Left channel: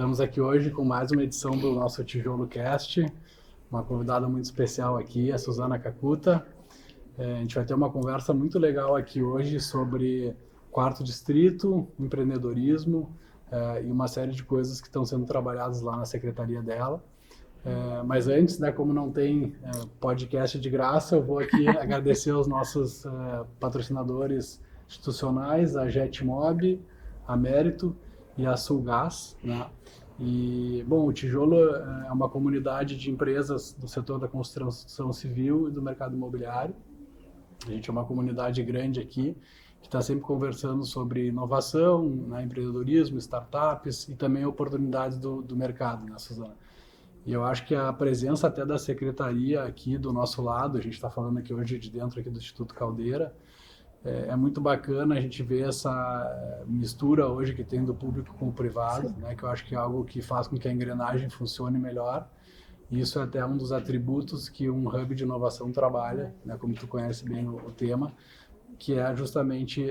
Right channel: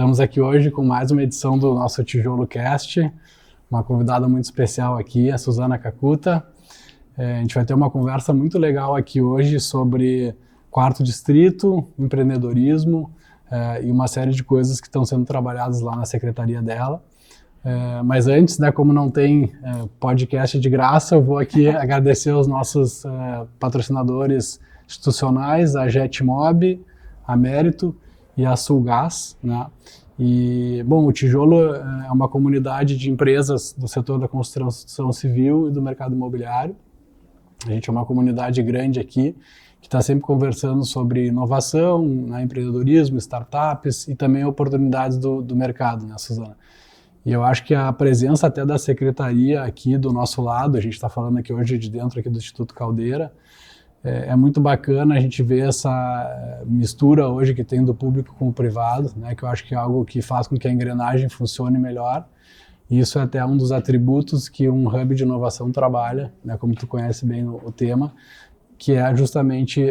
Estamos aqui hoje com mais uma edição do nosso Tijolo Cast, uma convidada muito especial aqui, a Suzana Kakuta. A gente vai ter uma conversa muito legal aqui hoje sobre quarto distrito, empreendedorismo e uma série de coisas que estão sendo trabalhadas lá na secretaria dela. Mas antes, né, como não tem podcast de graça, eu vou aqui agradecer aos nossos patrocinadores institucionais, a Jetmob, a Mérito e a Sulgás, né? E, bom, o Tijolo é uma comunidade de empresas do setor da construção civil e do mercado imobiliário. A gente é uma comunidade grande aqui, que está sempre conversando sobre inovação, né, empreendedorismo, startups e também oportunidades do mercado, né, Suzana? E eu acho que a presença até da secretaria aqui do nosso lado, a gente está falando aqui hoje de dentro aqui do Instituto Caldeira, é muito bacana a gente ver essa mistura hoje que tem do público com o privado, né, que eu acho que é algo que faz com que a engrenagem funcione melhor. E isso é até um dos atributos que um hub de inovação trabalha, né, como tu conhece bem o tema, que é justamente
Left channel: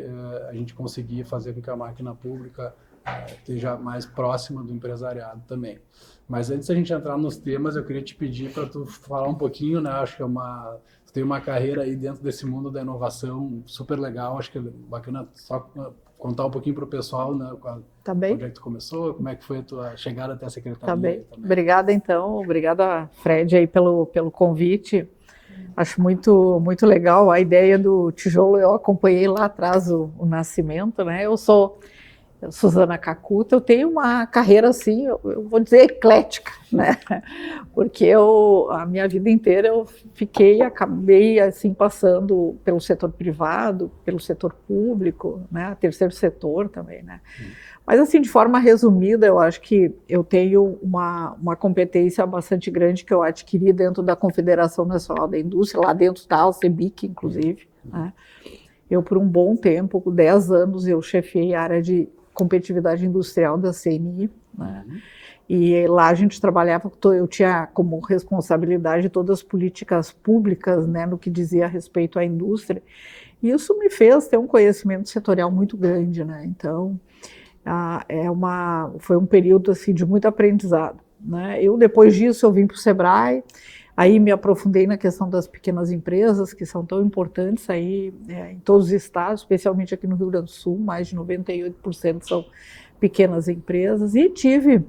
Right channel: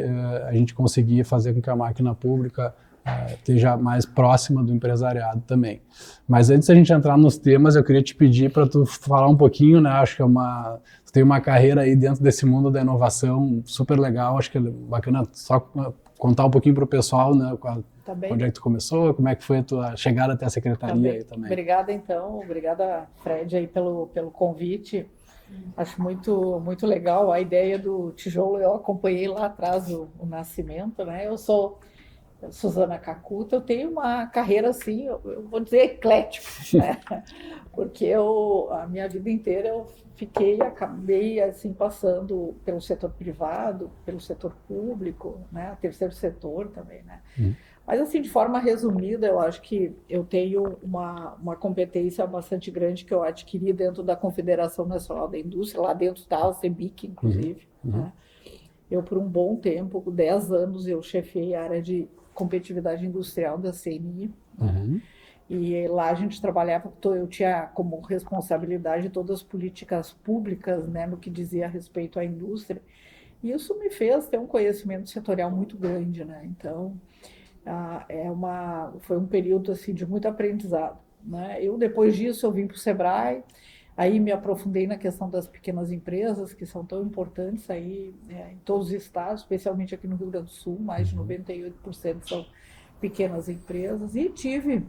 a gente conseguir fazer com que a máquina pública esteja mais próxima do empresariado também. Mas antes da gente entrar nos temas, eu queria te pedir para tu falar um pouquinho, né? Acho que tu tem uma carreira aí dentro desse mundo da inovação super legal. Acho que é bacana só contar um pouquinho para o pessoal, né? Tá bem. Onde é que tu começou, como é que foi a tua chegada até a secretaria Tá aí também. Obrigada, então. Obrigada, Fred, aí pelo convite. Acho muito legal a ideia do Tijolo. Eu acompanhei lá atrás o nascimento, né? Eu sou Suzana Kakuta. Eu tenho uma carreira, assim, eu vou dizer eclética, né? Porque a minha vida inteira eu acabei, assim, passando pelo setor privado, pelo setor público, né? Terceiro setor também, né? Mas, assim, de forma resumida, eu acho que eu tenho uma competência bastante grande que eu adquiri dentro da Confederação Nacional da Indústria, lá dentro da CEBIC, inclusive, né? Eu, por um bom tempo, por 10 anos, eu chefiei a área de competitividade industrial da CNI, né? E lá a gente trabalhava, eu tinha como responsabilidade todas as políticas públicas, né, no que dizia a respeito à indústria, e isso me fez ter um conhecimento setorial muito grande, né? Então, foi um período assim, de muito aprendizado, né? Depois disso, eu vim para o Sebrae, aí me aprofundei na questão das pequenas empresas, que são tão importantes aí em todos os estados, especialmente aqui no Rio Grande do Sul, mais de 98% são pequenas empresas, e tive,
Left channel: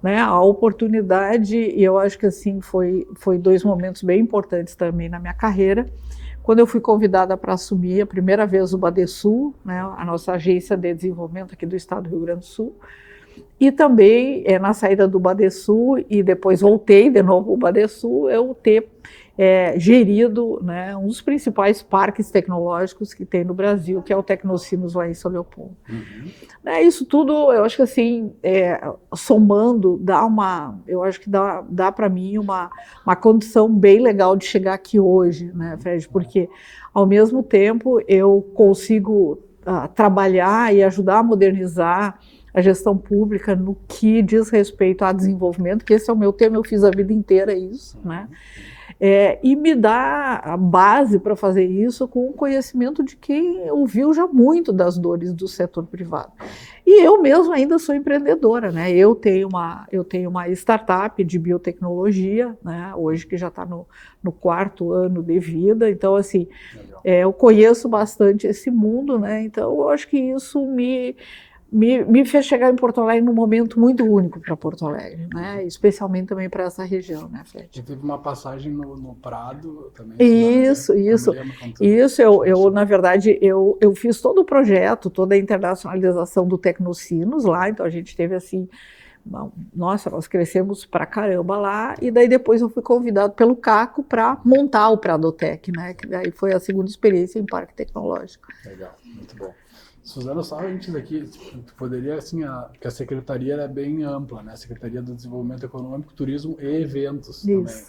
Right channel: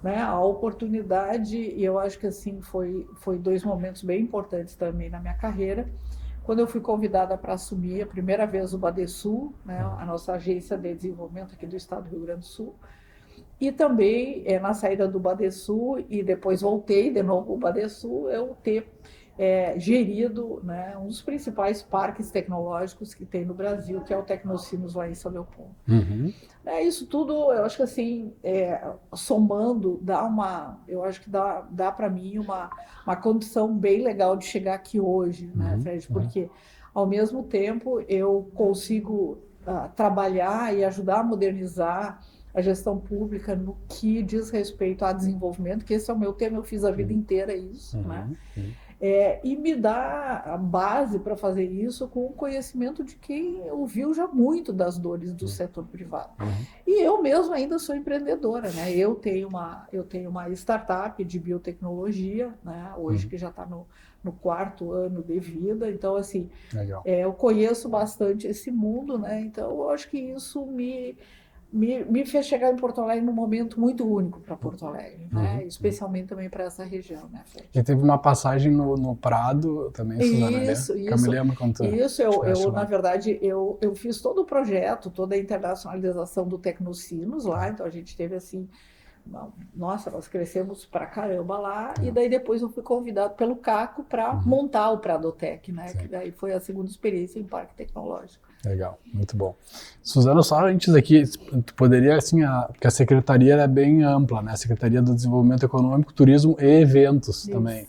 né, a oportunidade, e eu acho que assim foi 2 momentos bem importantes também na minha carreira, quando eu fui convidada para assumir a primeira vez o Badesul, né, a nossa agência de desenvolvimento aqui do estado do Rio Grande do Sul, e também, na saída do Badesul, e depois voltei de novo ao Badesul, eu ter gerido, né, um dos principais parques tecnológicos que tem no Brasil, que é o Tecnocinos lá em São Leopoldo. Isso tudo, eu acho que assim, somando, eu acho que dá para mim uma condição bem legal de chegar aqui hoje, né, Fred? Porque, ao mesmo tempo, eu consigo trabalhar e ajudar a modernizar a gestão pública no que diz respeito a desenvolvimento, que esse é o meu tema, eu fiz a vida inteira isso, né? E me dá a base para fazer isso com o conhecimento de quem ouviu já muito das dores do setor privado. E eu mesmo ainda sou empreendedora, né? Eu tenho uma startup de biotecnologia, né? Hoje que já está no 4º ano de vida, então assim, eu conheço bastante esse mundo, né? Então eu acho que isso me fez chegar em Porto Alegre num momento muito único para Porto Alegre, né? Especialmente também para essa região, né, Fred? E teve uma passagem no Prado também, Isso. Eu na verdade, eu fiz todo o projeto, toda a internacionalização do Tecnocinos lá, então a gente teve assim, nossa, nós crescemos pra caramba lá, e daí depois eu fui convidado pelo Caco para montar o Pradotec, né? Que daí foi a segunda experiência em parque tecnológico. Legal, muito bom. Suzana, só antes daqui, tu poderia, assim, porque a secretaria é bem ampla, né? A Secretaria do Desenvolvimento Econômico, Turismo e Eventos também.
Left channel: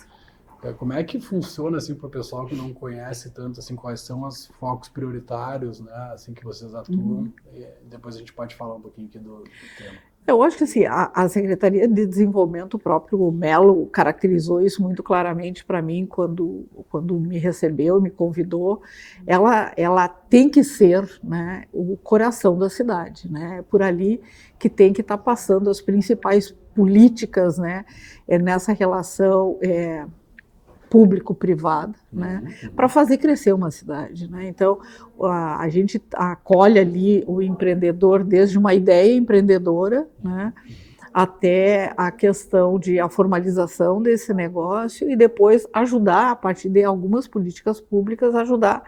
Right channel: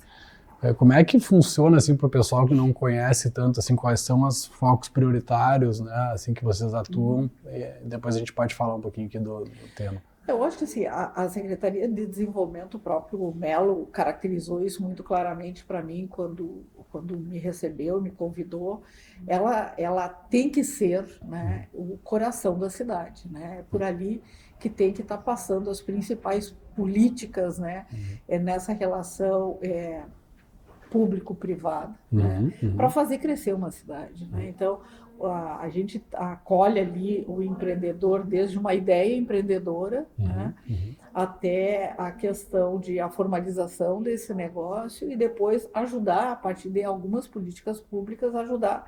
Como é que funciona, assim, para o pessoal que não conhece tanto, assim, quais são os focos prioritários, né, assim, que vocês atuam? E depois a gente pode falar um pouquinho aqui do tema. Eu acho que assim, a Secretaria de Desenvolvimento, o próprio Melo caracterizou isso muito claramente para mim quando me recebeu, me convidou. Ela tem que ser, né, o coração da cidade, né? É por ali que tem que estar passando as principais políticas, né, nessa relação público-privada, né, para fazer crescer uma cidade, né? Então, a gente acolhe ali o empreendedor desde uma ideia empreendedora, né, até a questão de a formalização desse negócio e depois ajudar, a partir de algumas políticas públicas, ajudar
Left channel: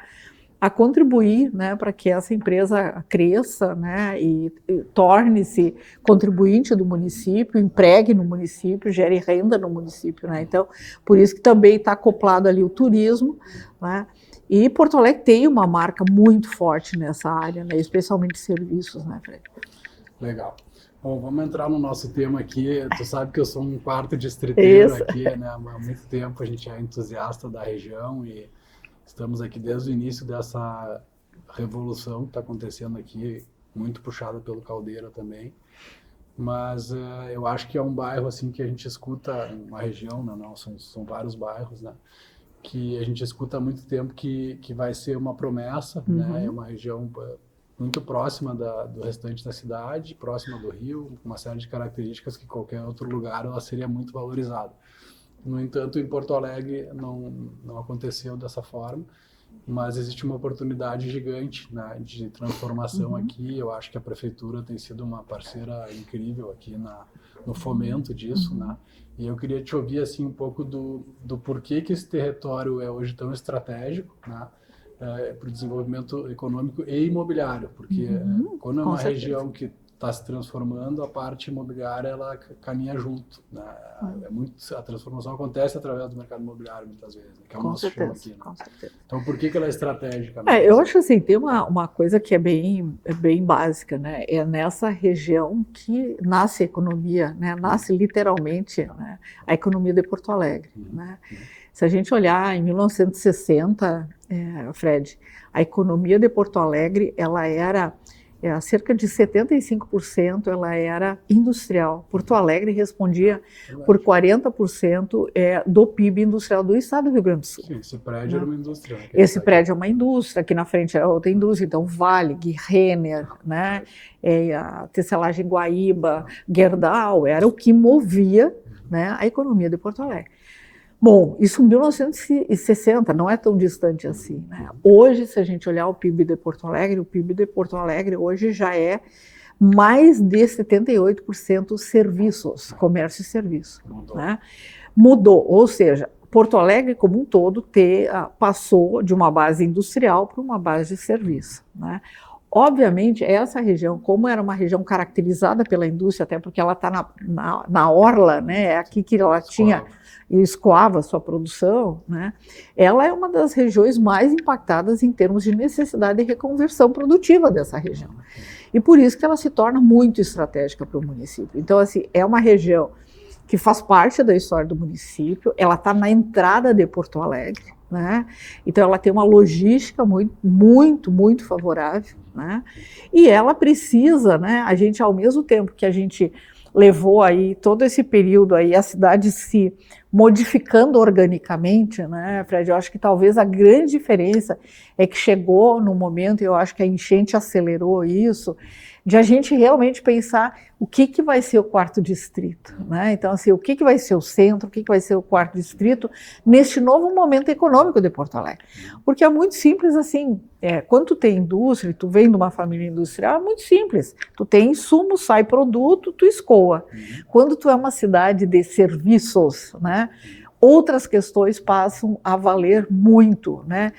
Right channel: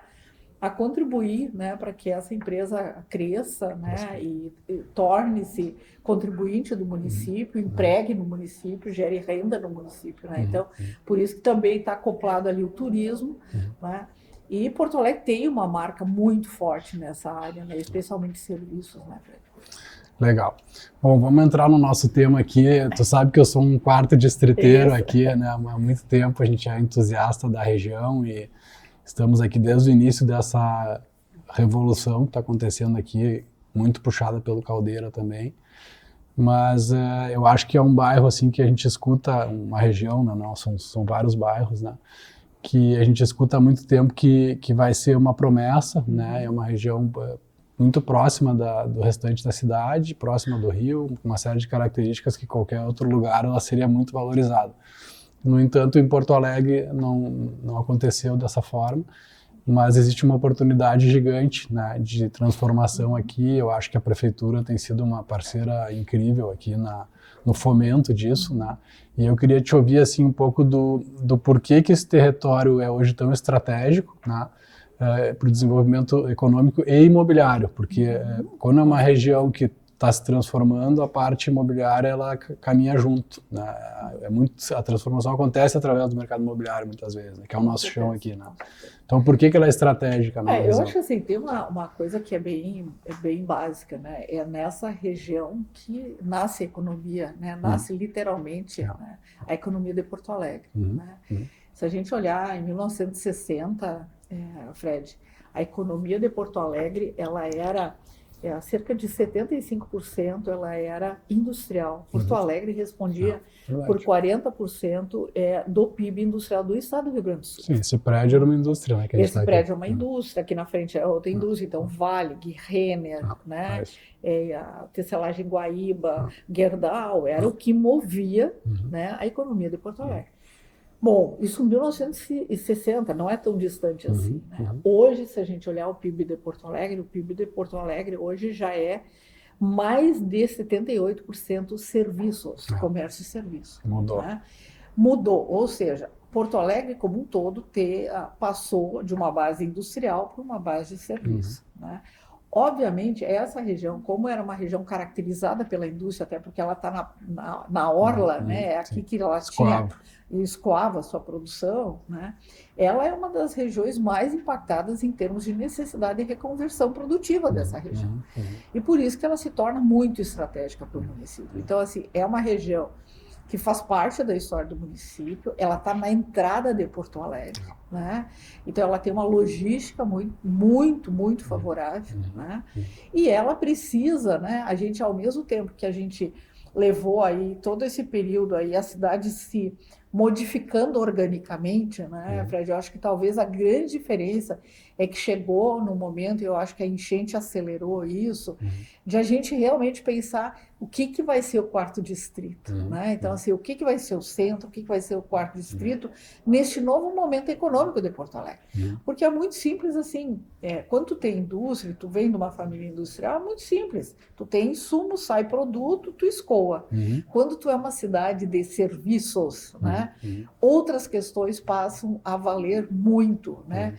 a contribuir, né, para que essa empresa cresça, né, e torne-se contribuinte do município, empregue no município, gere renda no município, né? Então, por isso que também está acoplado ali o turismo, né? E Porto Alegre tem uma marca muito forte nessa área, né, especialmente serviços, né, Fred? Legal. Bom, vamos entrar no nosso tema aqui. Tu sabe que eu sou um quarto distriteiro aqui, né? Há muito tempo a gente é entusiasta da região e estamos aqui desde o início dessa revolução que está acontecendo aqui, muito puxada pelo Caldeira também. Mas eu acho que é um bairro assim que a gente escuta, uma região, né? Não, são vários bairros, né? Que a gente escuta há muito tempo que vai ser uma promessa, né? É uma região muito próxima do restante da cidade, próxima do Rio, com uma série de características que qualquer outro lugar ela seria muito valorizada. No entanto, em Porto Alegre não aconteceu dessa forma, mas existe uma oportunidade gigante, né, de transformação aqui. Eu acho que a prefeitura tem sido uma parceira incrível aqui no fomento disso, né? E eu queria te ouvir assim um pouco do porquê que esse território é hoje tão estratégico, né, para o desenvolvimento econômico e imobiliário, porque quando é uma região que está se transformando, a parte imobiliária ela caminha junto, né? A transformação acontece através do mercado imobiliário muitas vezes, né? Que é o nosso chão aqui, né? Então, por que ela é estratégica? Eu acho assim, tem uma coisa que é bem básica, né? É nessa região que nasce a economia, né? Nasce literalmente, né, a economia de Porto Alegre, né? Se a gente olhar em 1960, Fred, a economia de Porto Alegre, ela era cerca de 75% ela era industrial. Porto Alegre respondia por 40% do PIB industrial do estado do Rio Grande do Sul. Sim, esse prédio era uma indústria. Né, esse prédio é uma indústria, aqui na frente é outra indústria, então Vale, Renner, né, a tecelagem Guaíba, Gerdau, era o que movia, né, a economia de Porto Alegre. Bom, isso em 1960, não é tão distante assim, né? Hoje, se a gente olhar o PIB de Porto Alegre hoje já é mais de 78% serviços, comércio e serviço. Mudou. Né? Mudou, ou seja, Porto Alegre como um todo passou de uma base industrial para uma base de serviço, né? Obviamente, essa região, como era uma região caracterizada pela indústria, até porque ela está na orla, né? É aqui que ela escoava a sua produção, né? Ela é uma das regiões mais impactadas em termos de necessidade de reconversão produtiva dessa região. E por isso que ela se torna muito estratégica para o município. Então, assim, é uma região que faz parte da história do município, ela está na entrada de Porto Alegre, né? Então ela tem uma logística muito favorável, né? E ela precisa, né? A gente, ao mesmo tempo que a gente levou aí todo esse período aí a cidade se modificando organicamente, né, Fred? Eu acho que talvez a grande diferença é que chegou no momento, e eu acho que a enchente acelerou isso, de a gente realmente pensar o que vai ser o quarto distrito, né? Então, assim, o que vai ser o centro, o que vai ser o quarto distrito neste novo momento econômico de Porto Alegre. Porque é muito simples assim, quando tu tem indústria, tu vem de uma família industrial, é muito simples. Tu tem insumo, sai produto, tu escoa. Quando tu é uma cidade de serviços, né, outras questões passam a valer muito, né?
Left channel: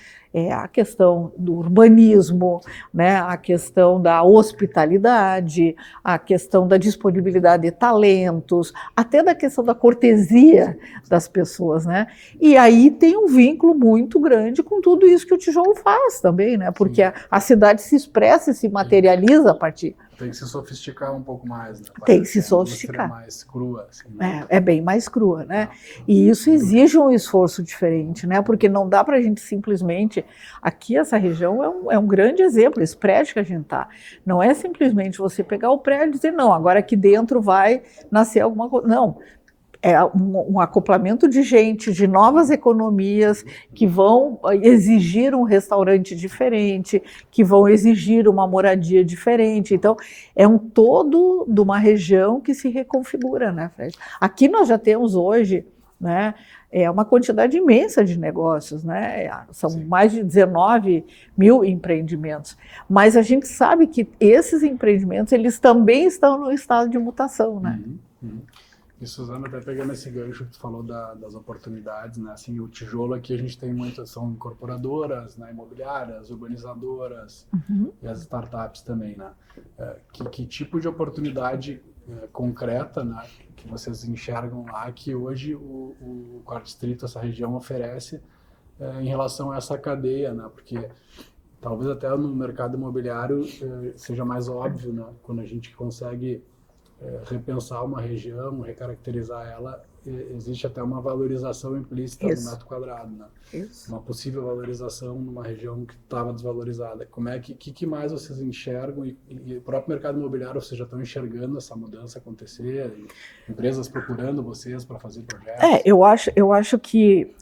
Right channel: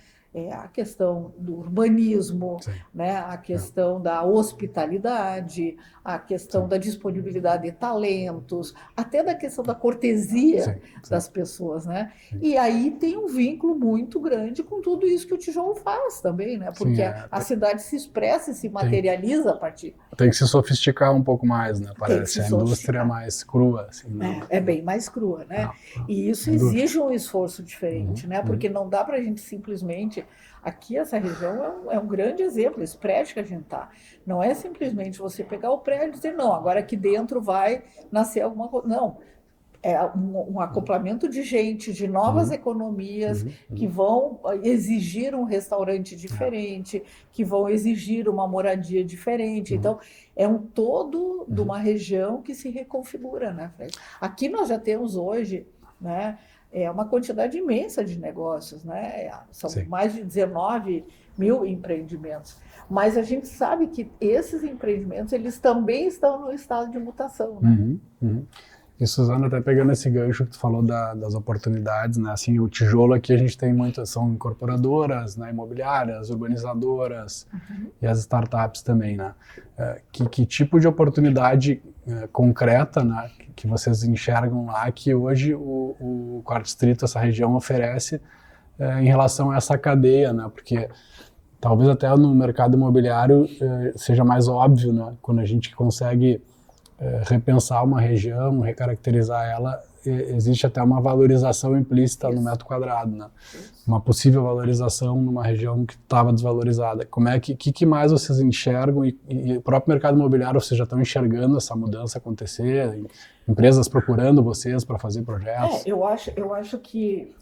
A questão do urbanismo, né, a questão da hospitalidade, a questão da disponibilidade de talentos, até da questão da cortesia das pessoas, né? E aí tem um vínculo muito grande com tudo isso que o tijolo faz também, né? Porque a cidade se expressa e se materializa a partir tem que se sofisticar um pouco mais, né? Tem que se Parece a indústria sofisticar. mais crua. Assim, né? É bem mais crua, né? Não, E isso sem dúvida. exige um esforço diferente, né? Porque não dá para a gente simplesmente... Aqui, essa região é um grande exemplo, esse prédio que a gente está. Não é simplesmente você pegar o prédio e dizer, não, agora aqui dentro vai nascer alguma coisa. Não. É um acoplamento de gente, de novas economias que vão exigir um restaurante diferente, que vão exigir uma moradia diferente. Então, é um todo de uma região que se reconfigura, né, Fred? Aqui nós já temos hoje, né, uma quantidade imensa de negócios, né? São mais de 19 mil empreendimentos. Mas a gente sabe que esses empreendimentos, eles também estão no estado de mutação, né? E, Suzana, até pegando esse gancho que tu falou das oportunidades, né? Assim, o tijolo aqui a gente tem muitas, são incorporadoras, né? Imobiliárias, urbanizadoras e as startups também, né? Que tipo de oportunidade concreta, né? Que vocês enxergam lá que hoje o Quarto Distrito, essa região, oferece em relação a essa cadeia, né? Porque talvez até no mercado imobiliário seja mais óbvio, né? Quando a gente consegue repensar uma região, recaracterizar ela, existe até uma valorização implícita no metro quadrado, né? Uma possível valorização numa região que estava desvalorizada. Como é que mais vocês enxergam e o próprio mercado imobiliário, vocês já estão enxergando essa mudança acontecer? Empresas procurando vocês para fazer projetos? Eu acho que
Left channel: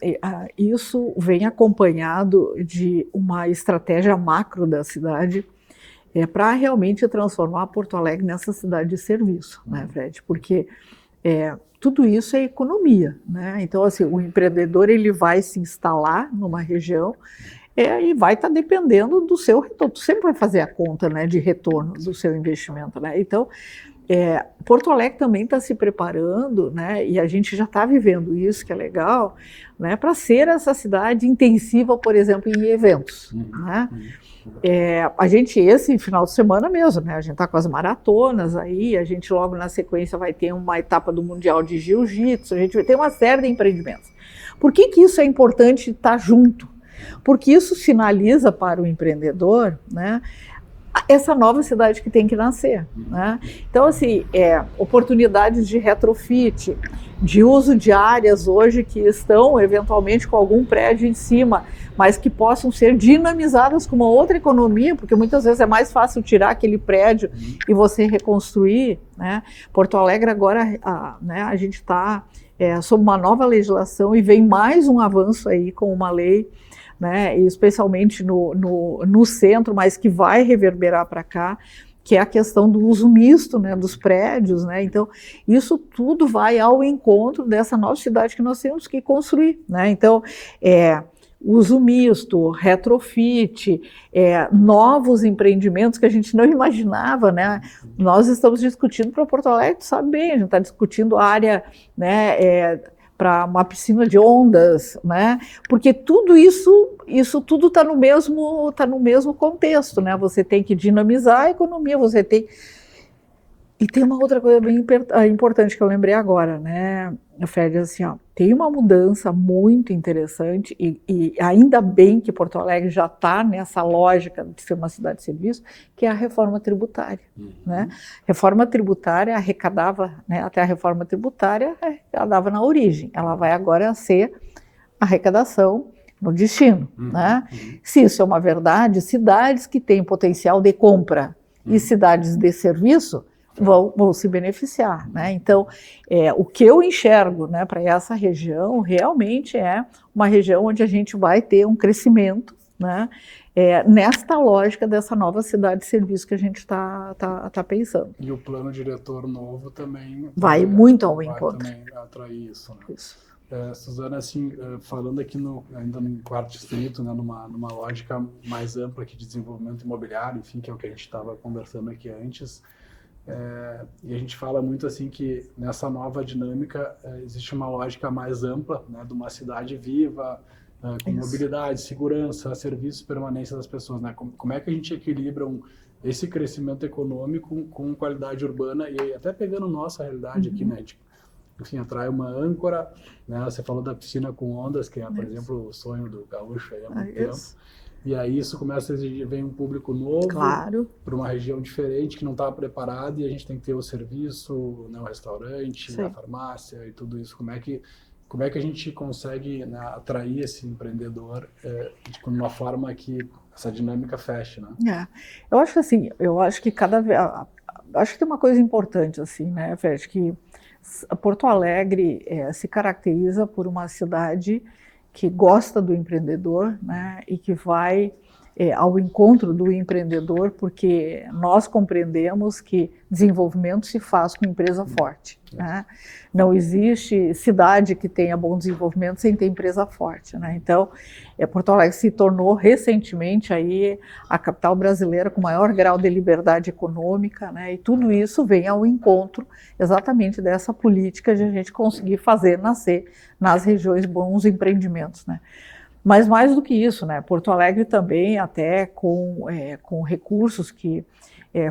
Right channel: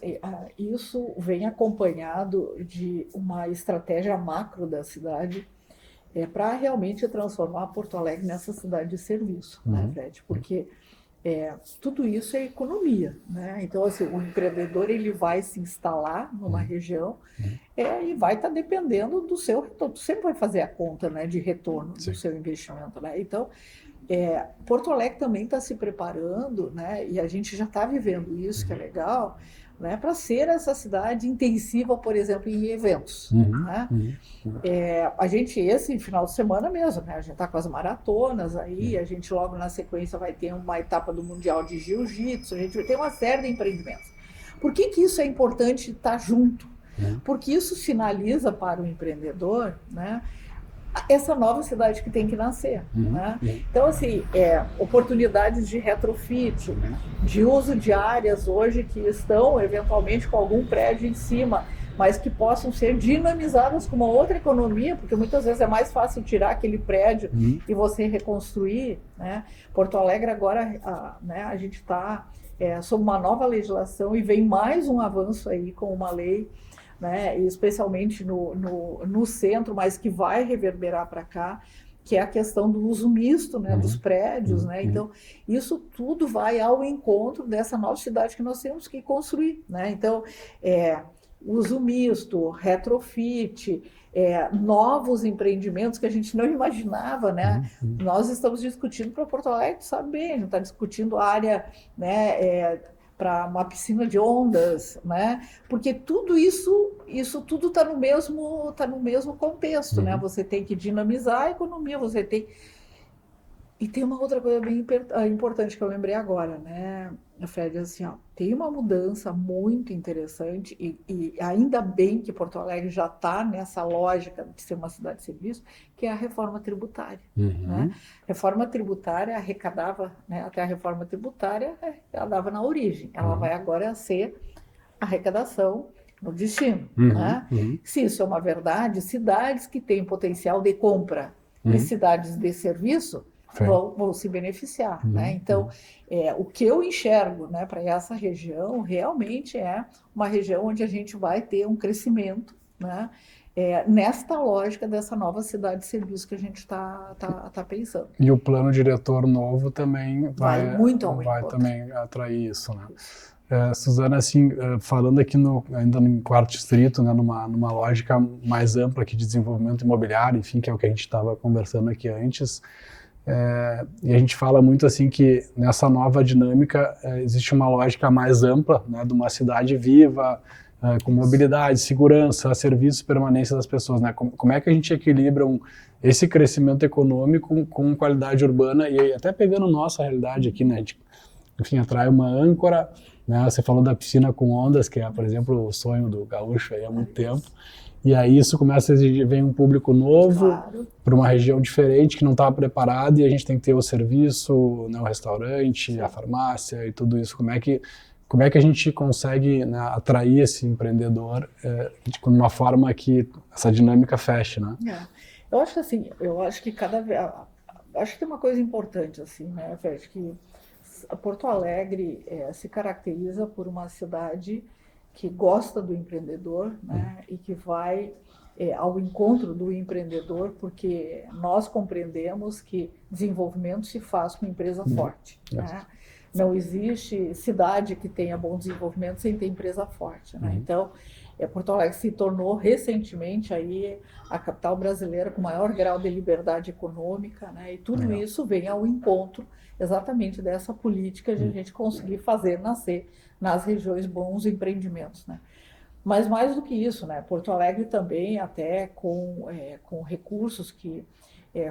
isso vem acompanhado de uma estratégia macro da cidade, para realmente transformar Porto Alegre nessa cidade de serviço, né, Fred? Porque tudo isso é economia, né? Então, assim, o empreendedor ele vai se instalar numa região e vai estar dependendo do seu retorno. Tu sempre vai fazer a conta, né, de retorno do seu investimento, né? Então, Porto Alegre também está se preparando, né? E a gente já está vivendo isso, que é legal, né? Para ser essa cidade intensiva, por exemplo, em eventos, né? A gente, esse final de semana mesmo, né? A gente está com as maratonas aí, a gente logo na sequência vai ter uma etapa do Mundial de Jiu-Jitsu, a gente vai ter uma série de empreendimentos. Por que isso é importante estar junto? Porque isso sinaliza para o empreendedor, né, essa nova cidade que tem que nascer, né? Então, assim, oportunidades de retrofit, de uso de áreas hoje que estão eventualmente com algum prédio em cima, mas que possam ser dinamizadas com uma outra economia, porque muitas vezes é mais fácil tirar aquele prédio e você reconstruir, né? Porto Alegre agora, né, a gente está sob uma nova legislação e vem mais um avanço aí com uma lei, né, especialmente no centro, mas que vai reverberar para cá, que é a questão do uso misto, né, dos prédios, né? Então, isso tudo vai ao encontro dessa nova cidade que nós temos que construir, né? Então, uso misto, retrofit, novos empreendimentos que a gente não imaginava, né? Nós estamos discutindo para Porto Alegre, sabe bem, a gente está discutindo a área, né, para uma piscina de ondas, né? Porque tudo isso tudo está no mesmo contexto, né? Você tem que dinamizar a economia, você tem... E tem uma outra coisa bem importante que eu lembrei agora, né, Fred, assim, ó, tem uma mudança muito interessante e ainda bem que Porto Alegre já está nessa lógica de ser uma cidade de serviço, que é a reforma tributária, né? Reforma tributária arrecadava, né, até a reforma tributária arrecadava na origem, ela vai agora ser arrecadação no destino, né? Se isso é uma verdade, cidades que têm potencial de compra e cidades de serviço vão se beneficiar, né? Então, o que eu enxergo, né, para essa região realmente é uma região onde a gente vai ter um crescimento, né, nesta lógica dessa nova cidade de serviço que a gente está pensando. E o plano diretor novo também vai muito ao vai encontro. também atrair isso, né? Suzana, assim, falando aqui ainda no Quarto Distrito, né, numa lógica mais ampla aqui de desenvolvimento imobiliário, enfim, que é o que a gente estava conversando aqui antes. E a gente fala muito assim que nessa nova dinâmica existe uma lógica mais ampla, né, de uma cidade viva, com mobilidade, segurança, serviços, permanência das pessoas, né? Como é que a gente equilibra esse crescimento econômico com qualidade urbana e até pegando nossa realidade aqui, né? Enfim, atrai uma âncora, né? Você falou da piscina com ondas, que é, por exemplo, o sonho do gaúcho aí há muito tempo. E aí isso começa a exigir, vem um público novo, Claro. para uma região diferente que não estava preparada, e a gente tem que ter o serviço, né, o restaurante, Sim. a farmácia e tudo isso. Como é que a gente consegue, né, atrair esse empreendedor de uma forma que essa dinâmica feche, né? Eu acho assim, que cada vez, acho que tem uma coisa importante assim, né, Fred, que Porto Alegre se caracteriza por uma cidade que gosta do empreendedor, né, e que vai ao encontro do empreendedor, porque nós compreendemos que desenvolvimento se faz com empresa forte, né? Não existe cidade que tenha bom desenvolvimento sem ter empresa forte, né? Então, Porto Alegre se tornou recentemente aí a capital brasileira com maior grau de liberdade econômica, né? E tudo isso vem ao encontro exatamente dessa política de a gente conseguir fazer nascer nas regiões bons empreendimentos, né? Mas mais do que isso, né? Porto Alegre também, até com recursos que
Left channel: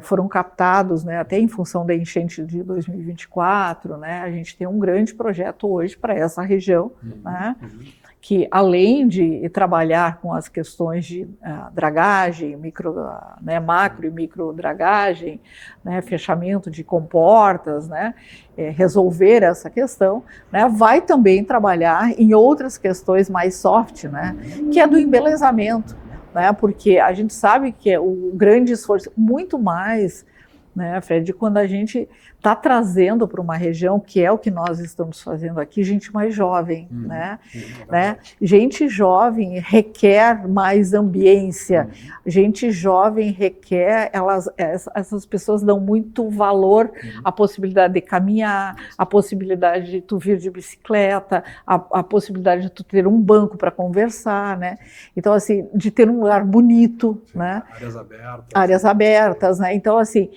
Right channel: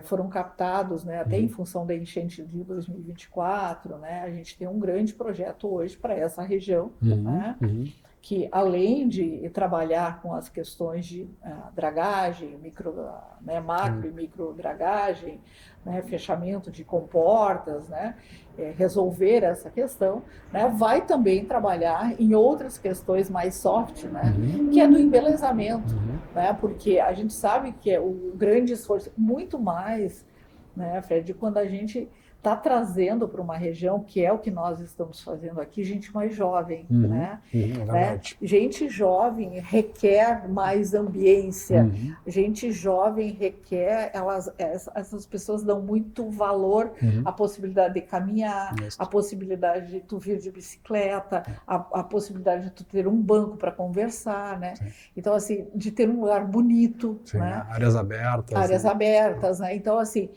foram captados, né, até em função da enchente de 2024, né? A gente tem um grande projeto hoje para essa região, né? Que além de trabalhar com as questões de dragagem, macro e micro dragagem, né, fechamento de comportas, né, resolver essa questão, né, vai também trabalhar em outras questões mais soft, né, que é do embelezamento, né, porque a gente sabe que é o grande esforço, muito mais, né, Fred, quando a gente está trazendo para uma região, que é o que nós estamos fazendo aqui, gente mais jovem, né? Gente jovem requer mais ambiência, gente jovem requer, essas pessoas dão muito valor à possibilidade de caminhar, à possibilidade de tu vir de bicicleta, à possibilidade de tu ter um banco para conversar, né? Então, assim, de ter um lugar bonito, né? Áreas abertas. Áreas abertas, né? Então, assim,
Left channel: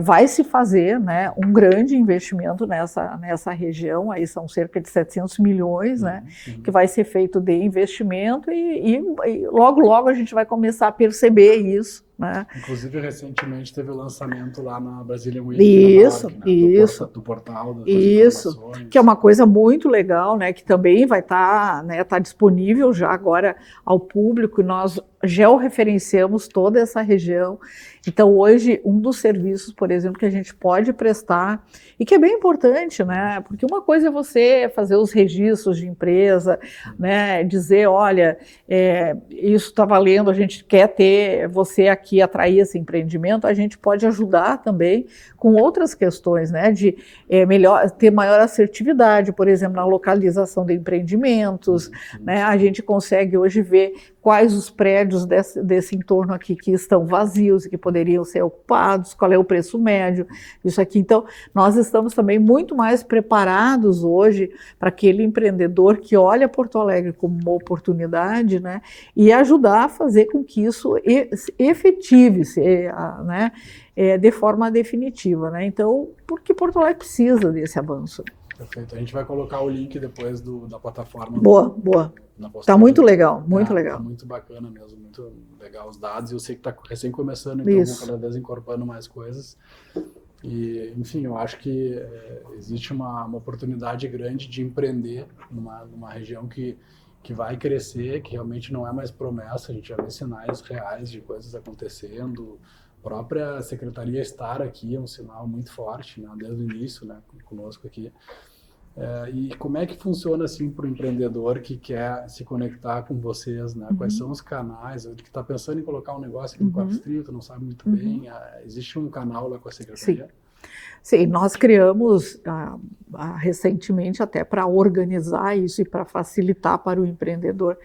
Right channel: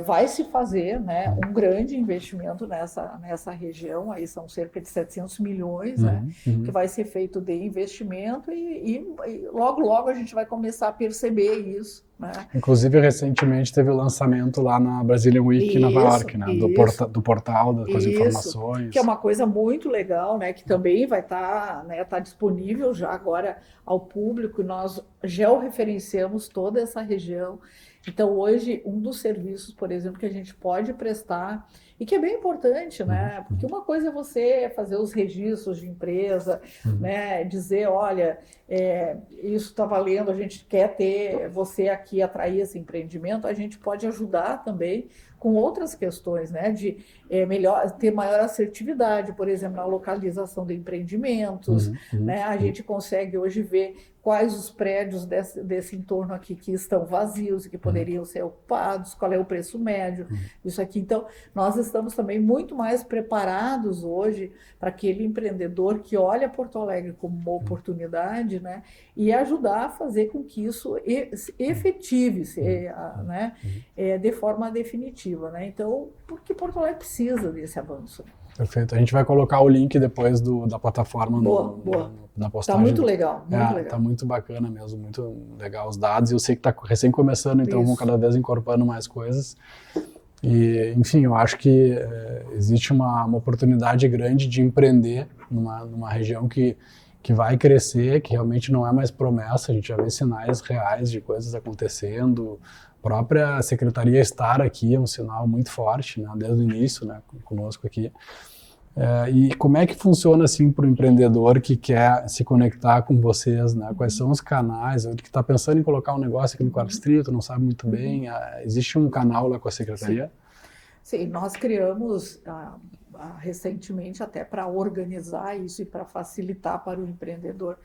vai se fazer, né, um grande investimento nessa região, aí são cerca de 700 milhões, né, que vai ser feito de investimento e logo, logo a gente vai começar a perceber isso, né? Inclusive, recentemente teve o lançamento lá na Brazilian Week, em Nova York, né, do portal das informações. Que é uma coisa muito legal, né, que também vai estar disponível já agora ao público, nós georreferenciamos toda essa região. Então, hoje, um dos serviços, por exemplo, que a gente pode prestar, e que é bem importante, né? Porque uma coisa é você fazer os registros de empresa, né? Dizer, olha, isso está valendo, a gente quer ter você aqui, atrair esse empreendimento, a gente pode ajudar também com outras questões, né? De ter maior assertividade, por exemplo, na localização de empreendimentos, né? A gente consegue hoje ver quais os prédios desse entorno aqui que estão vazios e que poderiam ser ocupados, qual é o preço médio, isso aqui. Então, nós estamos também muito mais preparados hoje para aquele empreendedor que olha Porto Alegre como uma oportunidade, né, e ajudar a fazer com que isso efetive-se, né, de forma definitiva, né? Então, porque Porto Alegre precisa desse avanço. Perfeito. A gente vai colocar o link depois da plataforma. Boa. Na postagem. Tá muito legal, muito legal. Tá muito bacana mesmo, muito legal os dados. Eu sei que tá recém começando, então vamos cada vez incorporando mais coisas. E, enfim, eu acho que existe uma oportunidade grande de empreender numa região que vai crescer, que realmente não é mais promessa. A gente já vê sinais reais de coisas acontecendo. A própria secretaria estar aqui é um sinal muito forte, né, desde o início, né, conosco aqui. E como é que funciona assim para o empreendedor que quer se conectar com vocês, né? Quais são os canais? Ou que está pensando em colocar um negócio aqui no Quarto Distrito, não sabe muito bem. Existe um canal lá com a secretaria? Sim, nós criamos recentemente até para organizar isso e para facilitar para o empreendedor.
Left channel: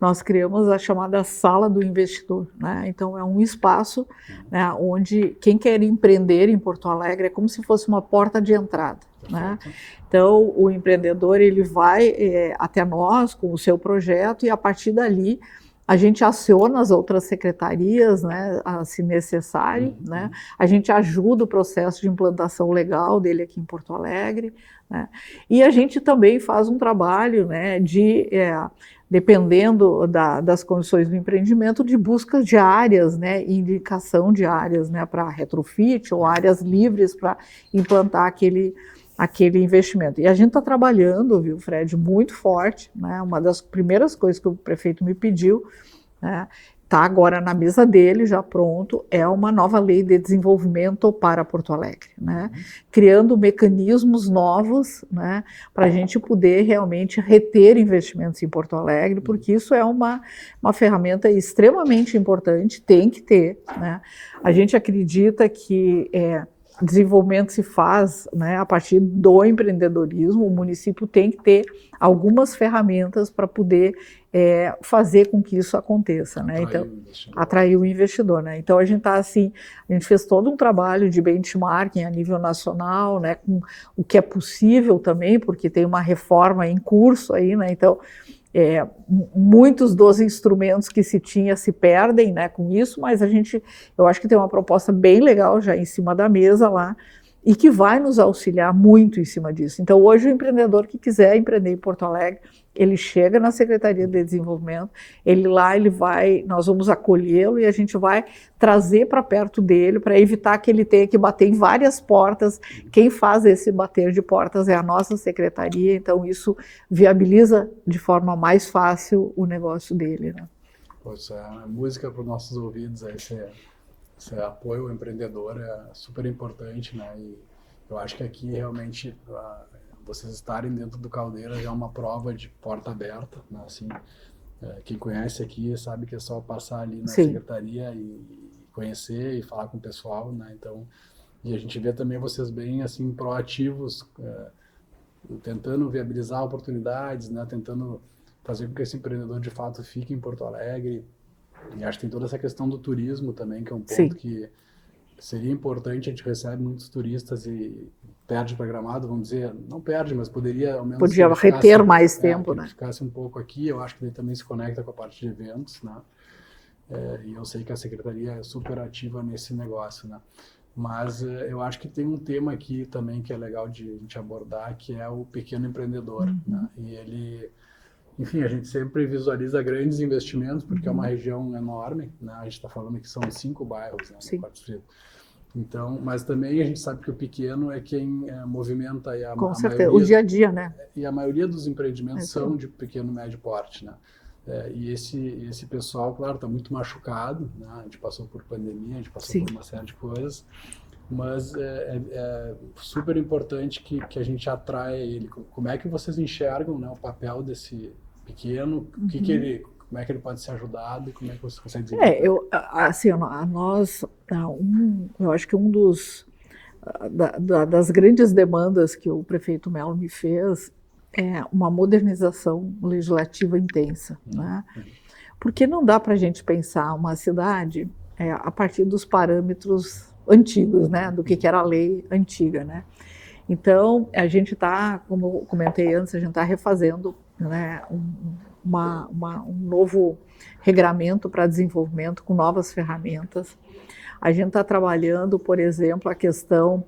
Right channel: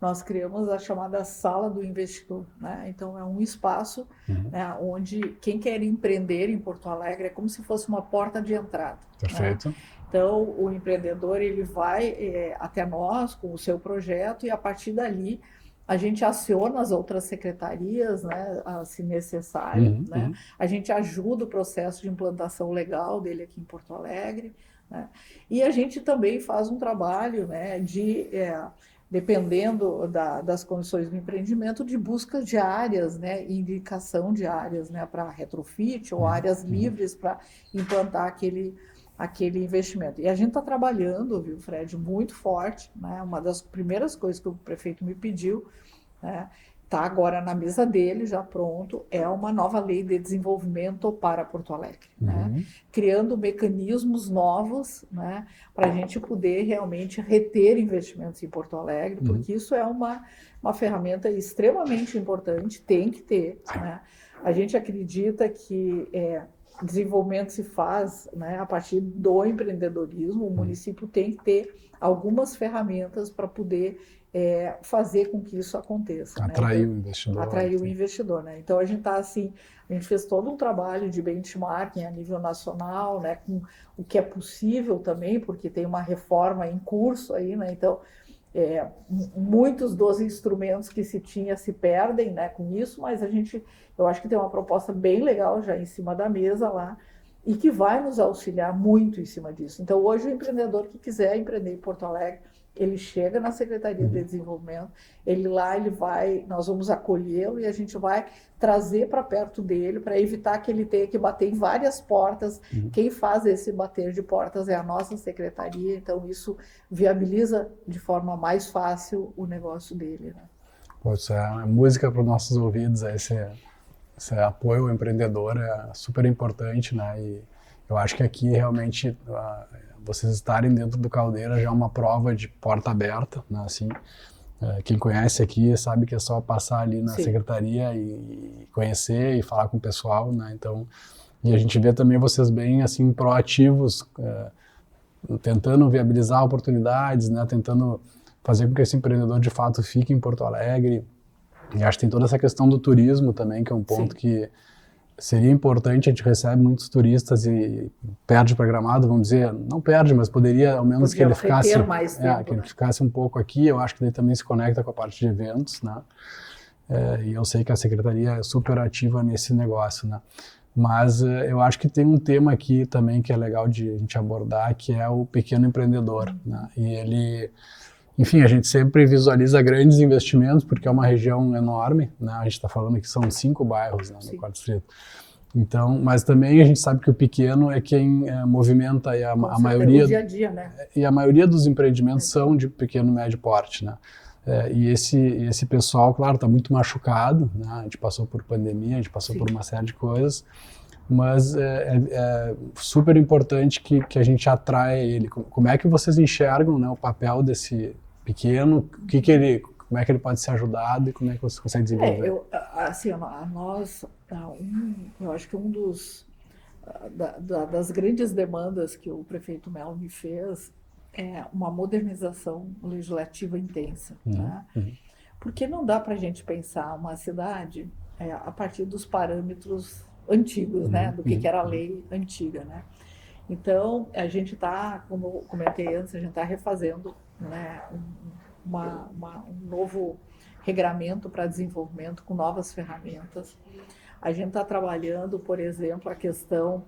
Nós criamos a chamada Sala do Investidor, né? Então, é um espaço, né, onde quem quer empreender em Porto Alegre é como se fosse uma porta de entrada. Perfeito. Né? Então, o empreendedor ele vai até nós com o seu projeto e, a partir dali, a gente aciona as outras secretarias, né, se necessário, né? A gente ajuda o processo de implantação legal dele aqui em Porto Alegre, né? E a gente também faz um trabalho, né, dependendo das condições do empreendimento, de busca de áreas, né, indicação de áreas, né, para retrofit ou áreas livres para implantar aquele investimento. E a gente está trabalhando, viu, Fred, muito forte, né? Uma das primeiras coisas que o prefeito me pediu, né, está agora na mesa dele, já pronto, é uma nova lei de desenvolvimento para Porto Alegre, né? Criando mecanismos novos, né, para a gente poder realmente reter investimentos em Porto Alegre, porque isso é uma ferramenta extremamente importante, tem que ter, né? A gente acredita que desenvolvimento se faz, né, a partir do empreendedorismo. O município tem que ter algumas ferramentas para poder fazer com que isso aconteça, atrair, né? o investidor. Atrair o investidor, né? Então a gente está assim, a gente fez todo um trabalho de benchmarking a nível nacional, né, com o que é possível também, porque tem uma reforma em curso aí, né? Então muitos dos instrumentos que se tinha se perdem, né, com isso, mas eu acho que tem uma proposta bem legal já em cima da mesa lá e que vai nos auxiliar muito em cima disso. Então hoje o empreendedor que quiser empreender em Porto Alegre, ele chega na Secretaria de Desenvolvimento, nós vamos acolhê-lo e a gente vai trazer para perto dele, para evitar que ele tenha que bater em várias portas. Quem faz esse bater de portas é a nossa secretaria, então isso viabiliza de forma mais fácil o negócio dele, né? Isso é música para os nossos ouvidos, esse apoio ao empreendedor é super importante, né? E eu acho que aqui realmente vocês estarem dentro do Caldeira já é uma prova de porta aberta, né? Assim, quem conhece aqui sabe que é só passar ali na secretaria e conhecer e falar com o pessoal, né? Então, e a gente vê também vocês bem assim proativos, tentando viabilizar oportunidades, né? Tentando fazer com que esse empreendedor de fato fique em Porto Alegre. E acho que tem toda essa questão do turismo também, que é um ponto que seria importante. A gente recebe muitos turistas e perde para Gramado, vamos dizer, não perde, mas poderia ao menos podia reter mais tempo, que ele ficasse um pouco aqui. Eu acho que ele também se conecta com a parte de eventos, né? E eu sei que a secretaria é super ativa nesse negócio, né? Mas eu acho que tem um tema aqui também que é legal de a gente abordar, que é o pequeno empreendedor, né? E ele, enfim, a gente sempre visualiza grandes investimentos, porque é uma região enorme, né? A gente está falando que são 5 bairros, né, no Quarto Distrito. Então, mas também a gente sabe que o pequeno é quem movimenta a maioria... o dia a dia, né? E a maioria dos empreendimentos são de pequeno e médio porte, né? E esse pessoal, claro, está muito machucado, né? A gente passou por pandemia, a gente passou por uma série de coisas, mas é super importante que a gente atraia ele. Como é que vocês enxergam, né, o papel desse pequeno, como é que ele pode ser ajudado e como é que você consegue desenvolver? Eu acho que das grandes demandas que o prefeito Melo me fez é uma modernização legislativa intensa, né? Porque não dá para a gente pensar uma cidade a partir dos parâmetros antigos, né, do que era a lei antiga, né? Então, a gente está, como eu comentei antes, a gente está refazendo, né, um novo regramento para desenvolvimento com novas ferramentas. A gente está trabalhando, por exemplo, a questão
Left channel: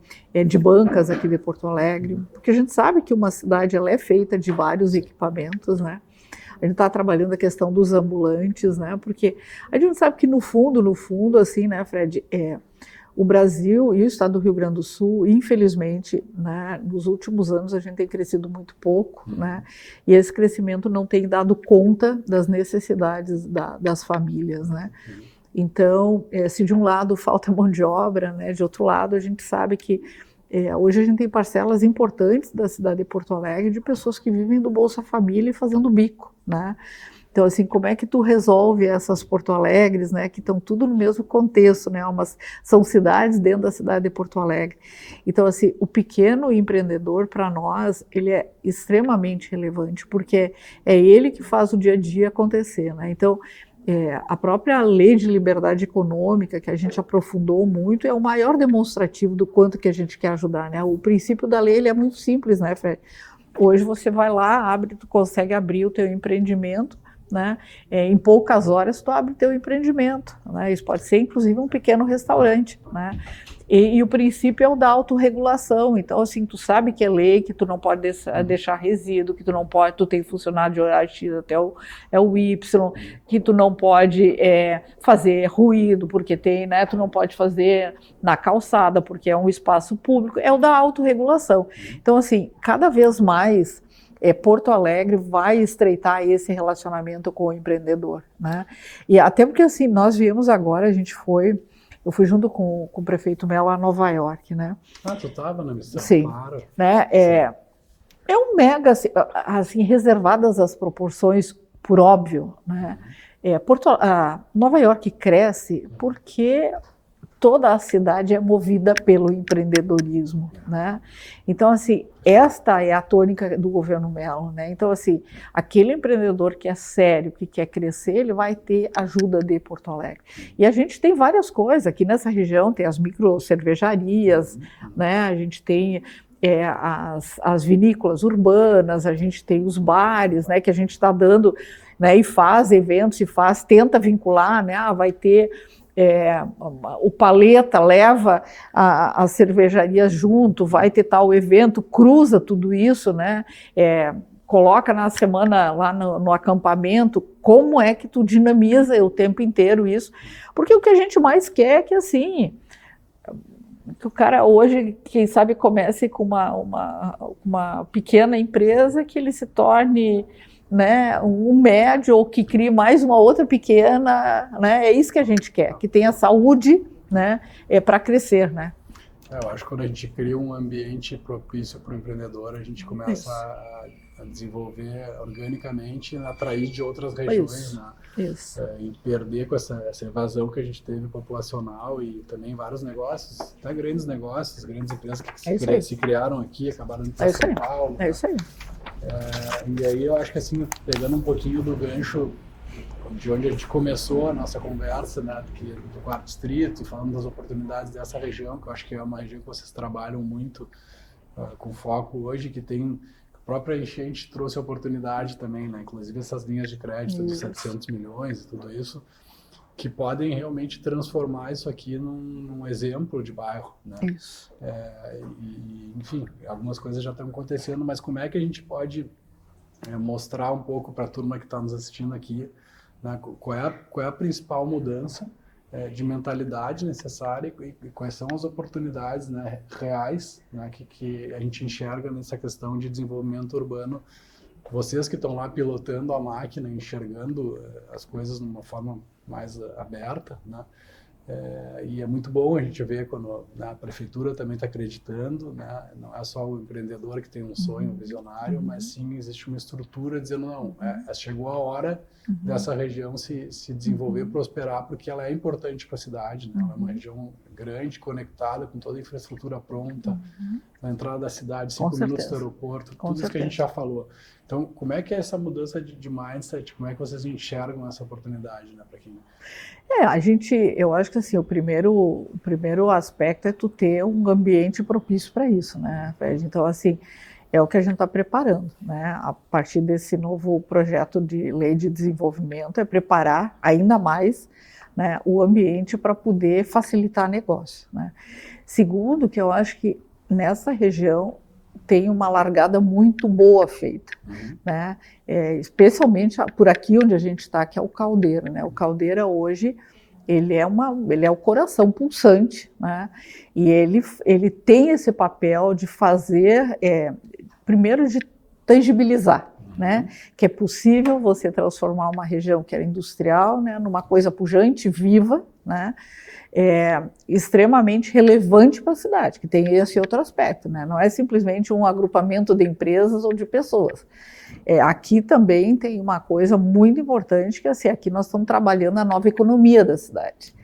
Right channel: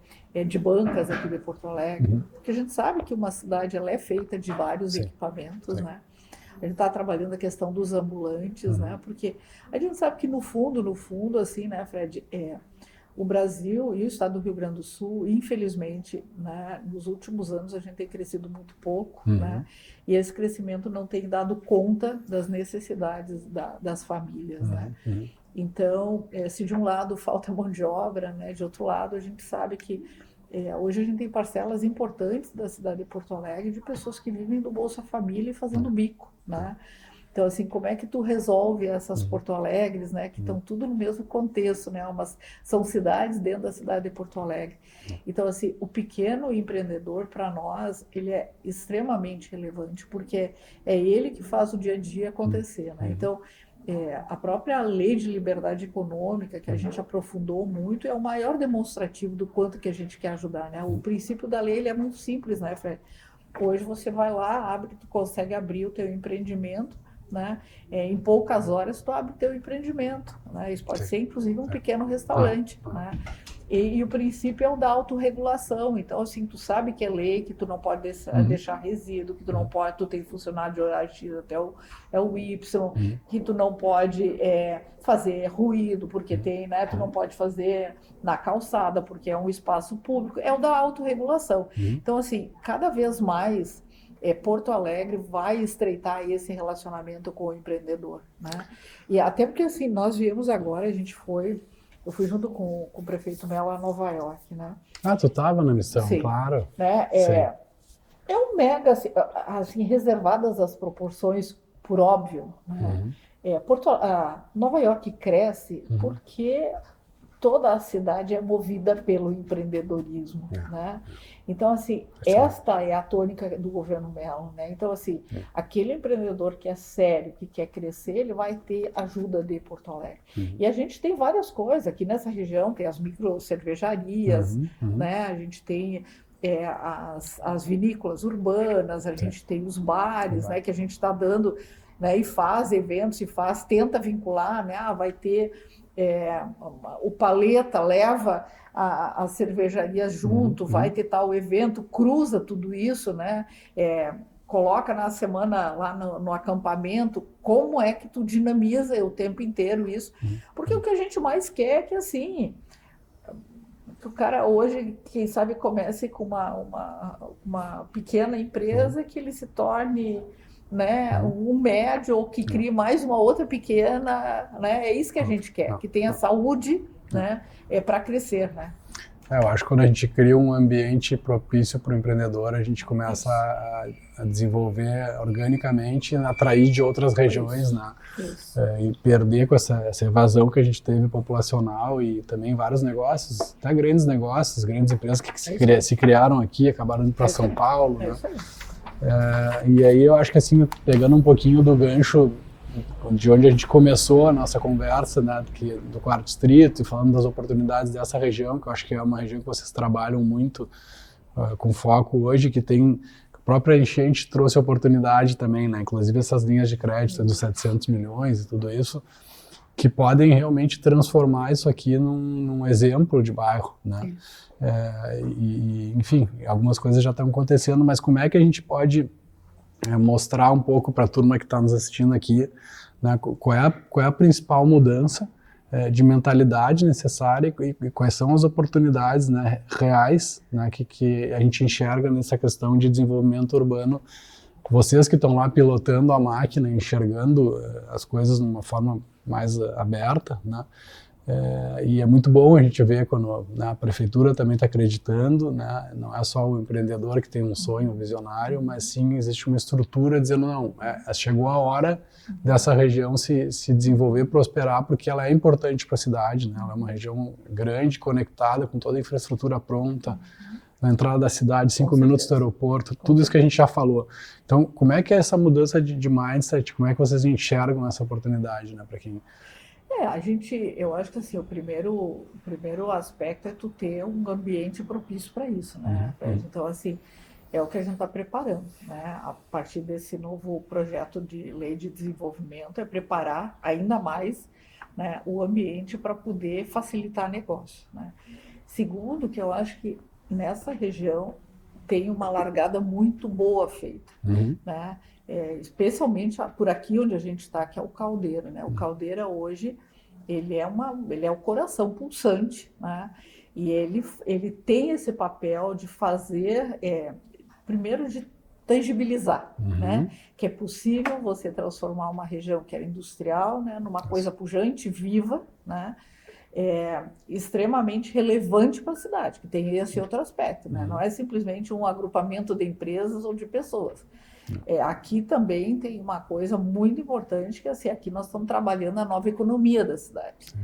de bancas aqui de Porto Alegre, porque a gente sabe que uma cidade ela é feita de vários equipamentos, né? A gente está trabalhando a questão dos ambulantes, né? Porque a gente sabe que no fundo, assim, né, Fred, o Brasil e o estado do Rio Grande do Sul, infelizmente, né, nos últimos anos a gente tem crescido muito pouco, né? E esse crescimento não tem dado conta das necessidades das famílias, né? Então, se de um lado falta mão de obra, né, de outro lado a gente sabe que hoje a gente tem parcelas importantes da cidade de Porto Alegre de pessoas que vivem do Bolsa Família e fazendo bico, né? Então, assim, como é que tu resolve essas Porto Alegres, né, que estão tudo no mesmo contexto, né, são cidades dentro da cidade de Porto Alegre. Então, assim, o pequeno empreendedor, para nós, ele é extremamente relevante, porque é ele que faz o dia a dia acontecer, né? Então, a própria lei de liberdade econômica, que a gente aprofundou muito, é o maior demonstrativo do quanto que a gente quer ajudar, né? O princípio da lei ele é muito simples, né, Fred? Hoje você vai lá, tu consegue abrir o teu empreendimento, né? Em poucas horas tu abre o teu empreendimento, né? Isso pode ser inclusive um pequeno restaurante, né? E o princípio é o da autorregulação. Então, assim, tu sabe que é lei, que tu não pode deixar resíduo, que tu não pode, tu tem funcionário de horário X até o Y, que tu não pode fazer ruído, porque tem, né? Tu não pode fazer na calçada, porque é um espaço público. É o da autorregulação. Então, assim, cada vez mais Porto Alegre vai estreitar esse relacionamento com o empreendedor, né? E até porque assim, nós viemos agora, eu fui junto com o prefeito Mello a Nova York, né? Ah, tu estava na missão, Sim, claro. Né? É um mega, assim, reservadas as proporções, por óbvio, né? Nova York cresce porque toda a cidade é movida pelo empreendedorismo, né? Então, assim, esta é a tônica do governo Mello, né? Então, assim, aquele empreendedor que é sério, que quer crescer, ele vai ter ajuda de Porto Alegre. E a gente tem várias coisas, aqui nessa região tem as micro cervejarias, né? A gente tem as vinícolas urbanas, a gente tem os bares, né? Que a gente está dando, né? E faz eventos, tenta vincular, né? Vai ter... o Paleta leva as cervejarias junto, vai ter tal evento, cruza tudo isso, né? Coloca na semana lá no acampamento, como é que tu dinamiza o tempo inteiro isso, porque o que a gente mais quer é que assim, que o cara hoje, quem sabe, comece com uma pequena empresa, que ele se torne, né, um médio, ou que crie mais uma outra pequena, né? É isso que a gente quer, que tenha saúde, né, para crescer, né? Eu acho que quando a gente cria um ambiente propício para o empreendedor, a gente começa a desenvolver organicamente, atrair de outras regiões, né? E perder com essa evasão que a gente teve populacional, e também vários negócios, até grandes negócios, grandes empresas que se criaram aqui, acabaram indo para São Paulo. É isso aí. E aí eu acho que, assim, pegando um pouquinho do gancho de onde a gente começou a nossa conversa, né, do Quarto Distrito, e falando das oportunidades dessa região, que eu acho que é uma região que vocês trabalham muito com foco hoje, que tem... A própria enchente trouxe oportunidade também, né? Inclusive essas linhas de crédito dos 700 milhões e tudo isso, que podem realmente transformar isso aqui num exemplo de bairro, né? Enfim, algumas coisas já estão acontecendo, mas como é que a gente pode mostrar um pouco para a turma que está nos assistindo aqui, né, qual é a principal mudança de mentalidade necessária e quais são as oportunidades, né, reais, né, que a gente enxerga nessa questão de desenvolvimento urbano. Vocês que estão lá pilotando a máquina, enxergando as coisas de uma forma mais aberta, né? E é muito bom a gente ver quando, né, a prefeitura também está acreditando, né? Não é só o empreendedor que tem um sonho, um visionário, mas sim existe uma estrutura dizendo, não, chegou a hora dessa região se desenvolver, prosperar, porque ela é importante para a cidade, né? Ela é uma região grande, conectada, com toda a infraestrutura pronta, na entrada da cidade, 5 minutos do aeroporto, tudo isso que a gente já falou. Então, como é que é essa mudança de mindset, como é que vocês enxergam essa oportunidade, né, para quem... eu acho que assim, o primeiro aspecto é tu ter um ambiente propício para isso, né, Fred? Então, assim, é o que a gente está preparando, né? A partir desse novo projeto de lei de desenvolvimento, é preparar ainda mais, né, o ambiente para poder facilitar negócio, né? Segundo, que eu acho que nessa região tem uma largada muito boa feita, né? Especialmente por aqui onde a gente está, que é o Caldeira, né? O Caldeira hoje ele é o coração pulsante, né? E ele tem esse papel de fazer, primeiro de tangibilizar, né? Que é possível você transformar uma região que era industrial, né, numa coisa pujante, viva, né? Extremamente relevante para a cidade, que tem esse outro aspecto, né? Não é simplesmente um agrupamento de empresas ou de pessoas. Aqui também tem uma coisa muito importante, que assim, aqui nós estamos trabalhando a nova economia da cidade.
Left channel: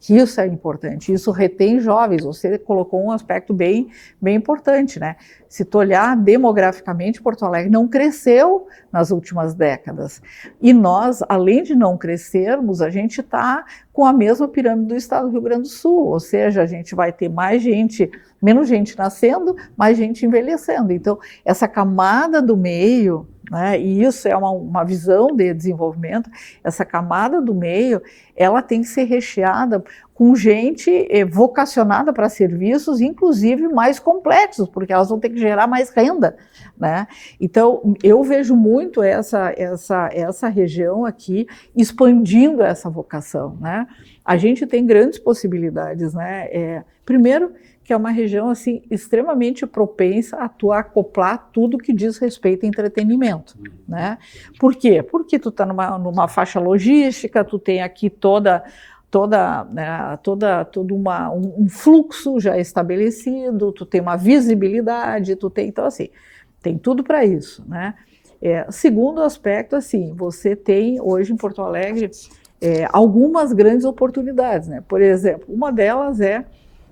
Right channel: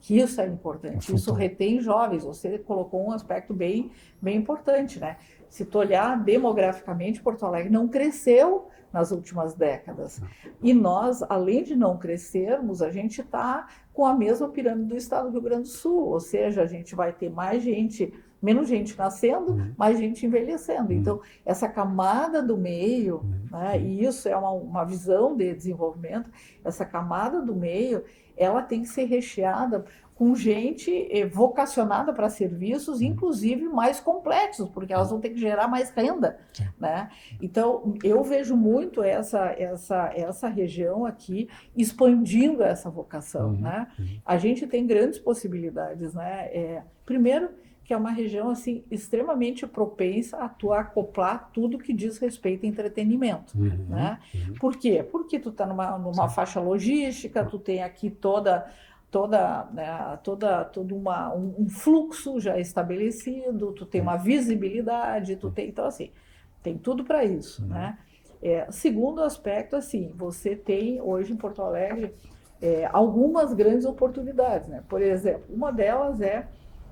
Que isso é importante, isso retém jovens. Você colocou um aspecto bem importante, né? Se tu olhar demograficamente, Porto Alegre não cresceu nas últimas décadas. E nós, além de não crescermos, a gente está com a mesma pirâmide do estado do Rio Grande do Sul, ou seja, a gente vai ter menos gente nascendo, mais gente envelhecendo. Então, essa camada do meio, né, e isso é uma visão de desenvolvimento, essa camada do meio, ela tem que ser recheada com gente vocacionada para serviços, inclusive mais complexos, porque elas vão ter que gerar mais renda, né? Então, eu vejo muito essa região aqui expandindo essa vocação, né? A gente tem grandes possibilidades, né? Primeiro, que é uma região assim extremamente propensa a acoplar tudo que diz respeito a entretenimento, né? Por quê? Porque tu está numa faixa logística, tu tem aqui todo um fluxo já estabelecido, tu tem uma visibilidade, então assim, tem tudo para isso, né? Segundo aspecto, assim, você tem hoje em Porto Alegre algumas grandes oportunidades, né? Por exemplo, uma delas é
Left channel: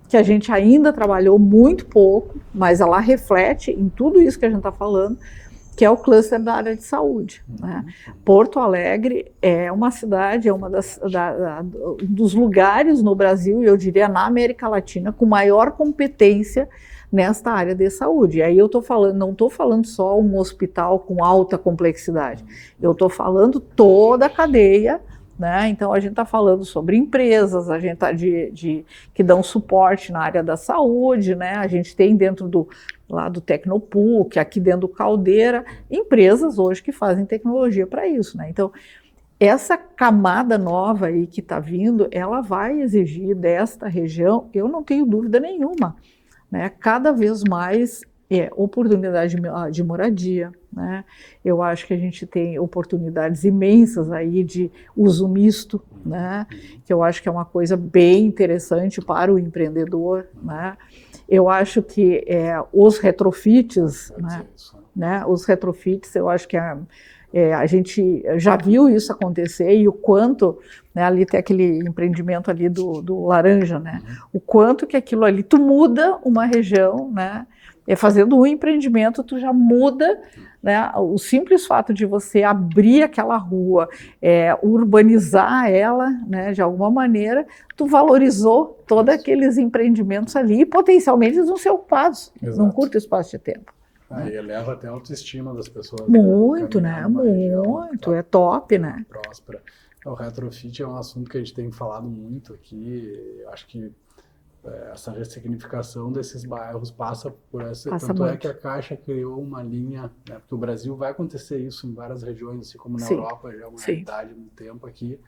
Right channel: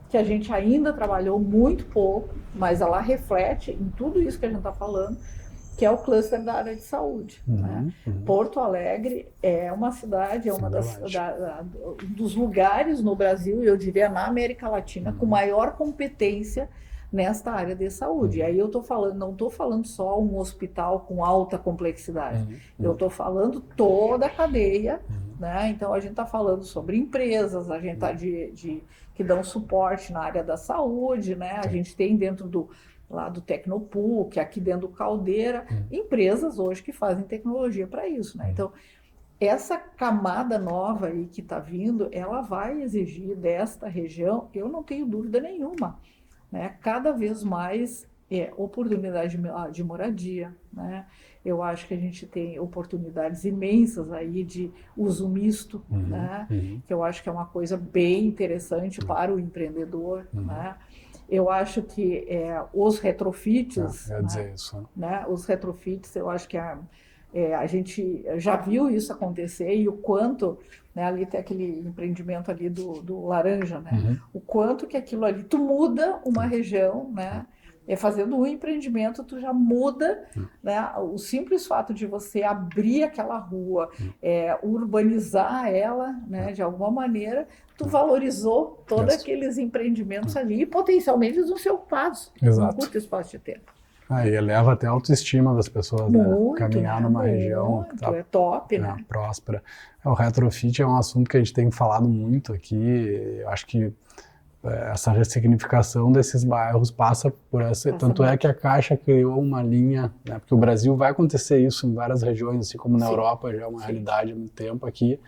que a gente ainda trabalhou muito pouco, mas ela reflete em tudo isso que a gente está falando, que é o cluster da área de saúde. Né? Porto Alegre é uma cidade, é um dos lugares no Brasil, e eu diria na América Latina, com maior competência nesta área de saúde. E aí eu não estou falando só um hospital com alta complexidade, eu estou falando toda a cadeia. Né? Então, a gente está falando sobre empresas, a gente está que dão suporte na área da saúde, né? A gente tem dentro do Tecnopuc, aqui dentro do Caldeira, empresas hoje que fazem tecnologia para isso. Né? Então, essa camada nova aí que está vindo, ela vai exigir desta região, eu não tenho dúvida nenhuma, né? Cada vez mais oportunidade de moradia, né? Eu acho que a gente tem oportunidades imensas aí de uso misto, né? Que eu acho que é uma coisa bem interessante para o empreendedor, né? Eu acho que os retrofits, né? Os retrofits, eu acho que a gente já viu isso acontecer e o quanto, né, ali tem aquele empreendimento ali do laranja, né? O quanto que aquilo ali, tu muda uma região, né? Fazendo um empreendimento, tu já muda, né? O simples fato de você abrir aquela rua, urbanizar ela, né? De alguma maneira, tu valorizou todos aqueles empreendimentos ali e potencialmente eles vão ser ocupados num curto espaço de tempo. E eleva até a autoestima das pessoas. Muito, né? Numa região É top, né? Próspera. O retrofit é um assunto que a gente tem falado muito aqui. Eu acho que essa ressignificação desses bairros passa por essa. Tanto é que a Caixa criou uma linha, né, porque o Brasil vai acontecer isso em várias regiões, assim como na Europa já é uma realidade há muito tempo aqui.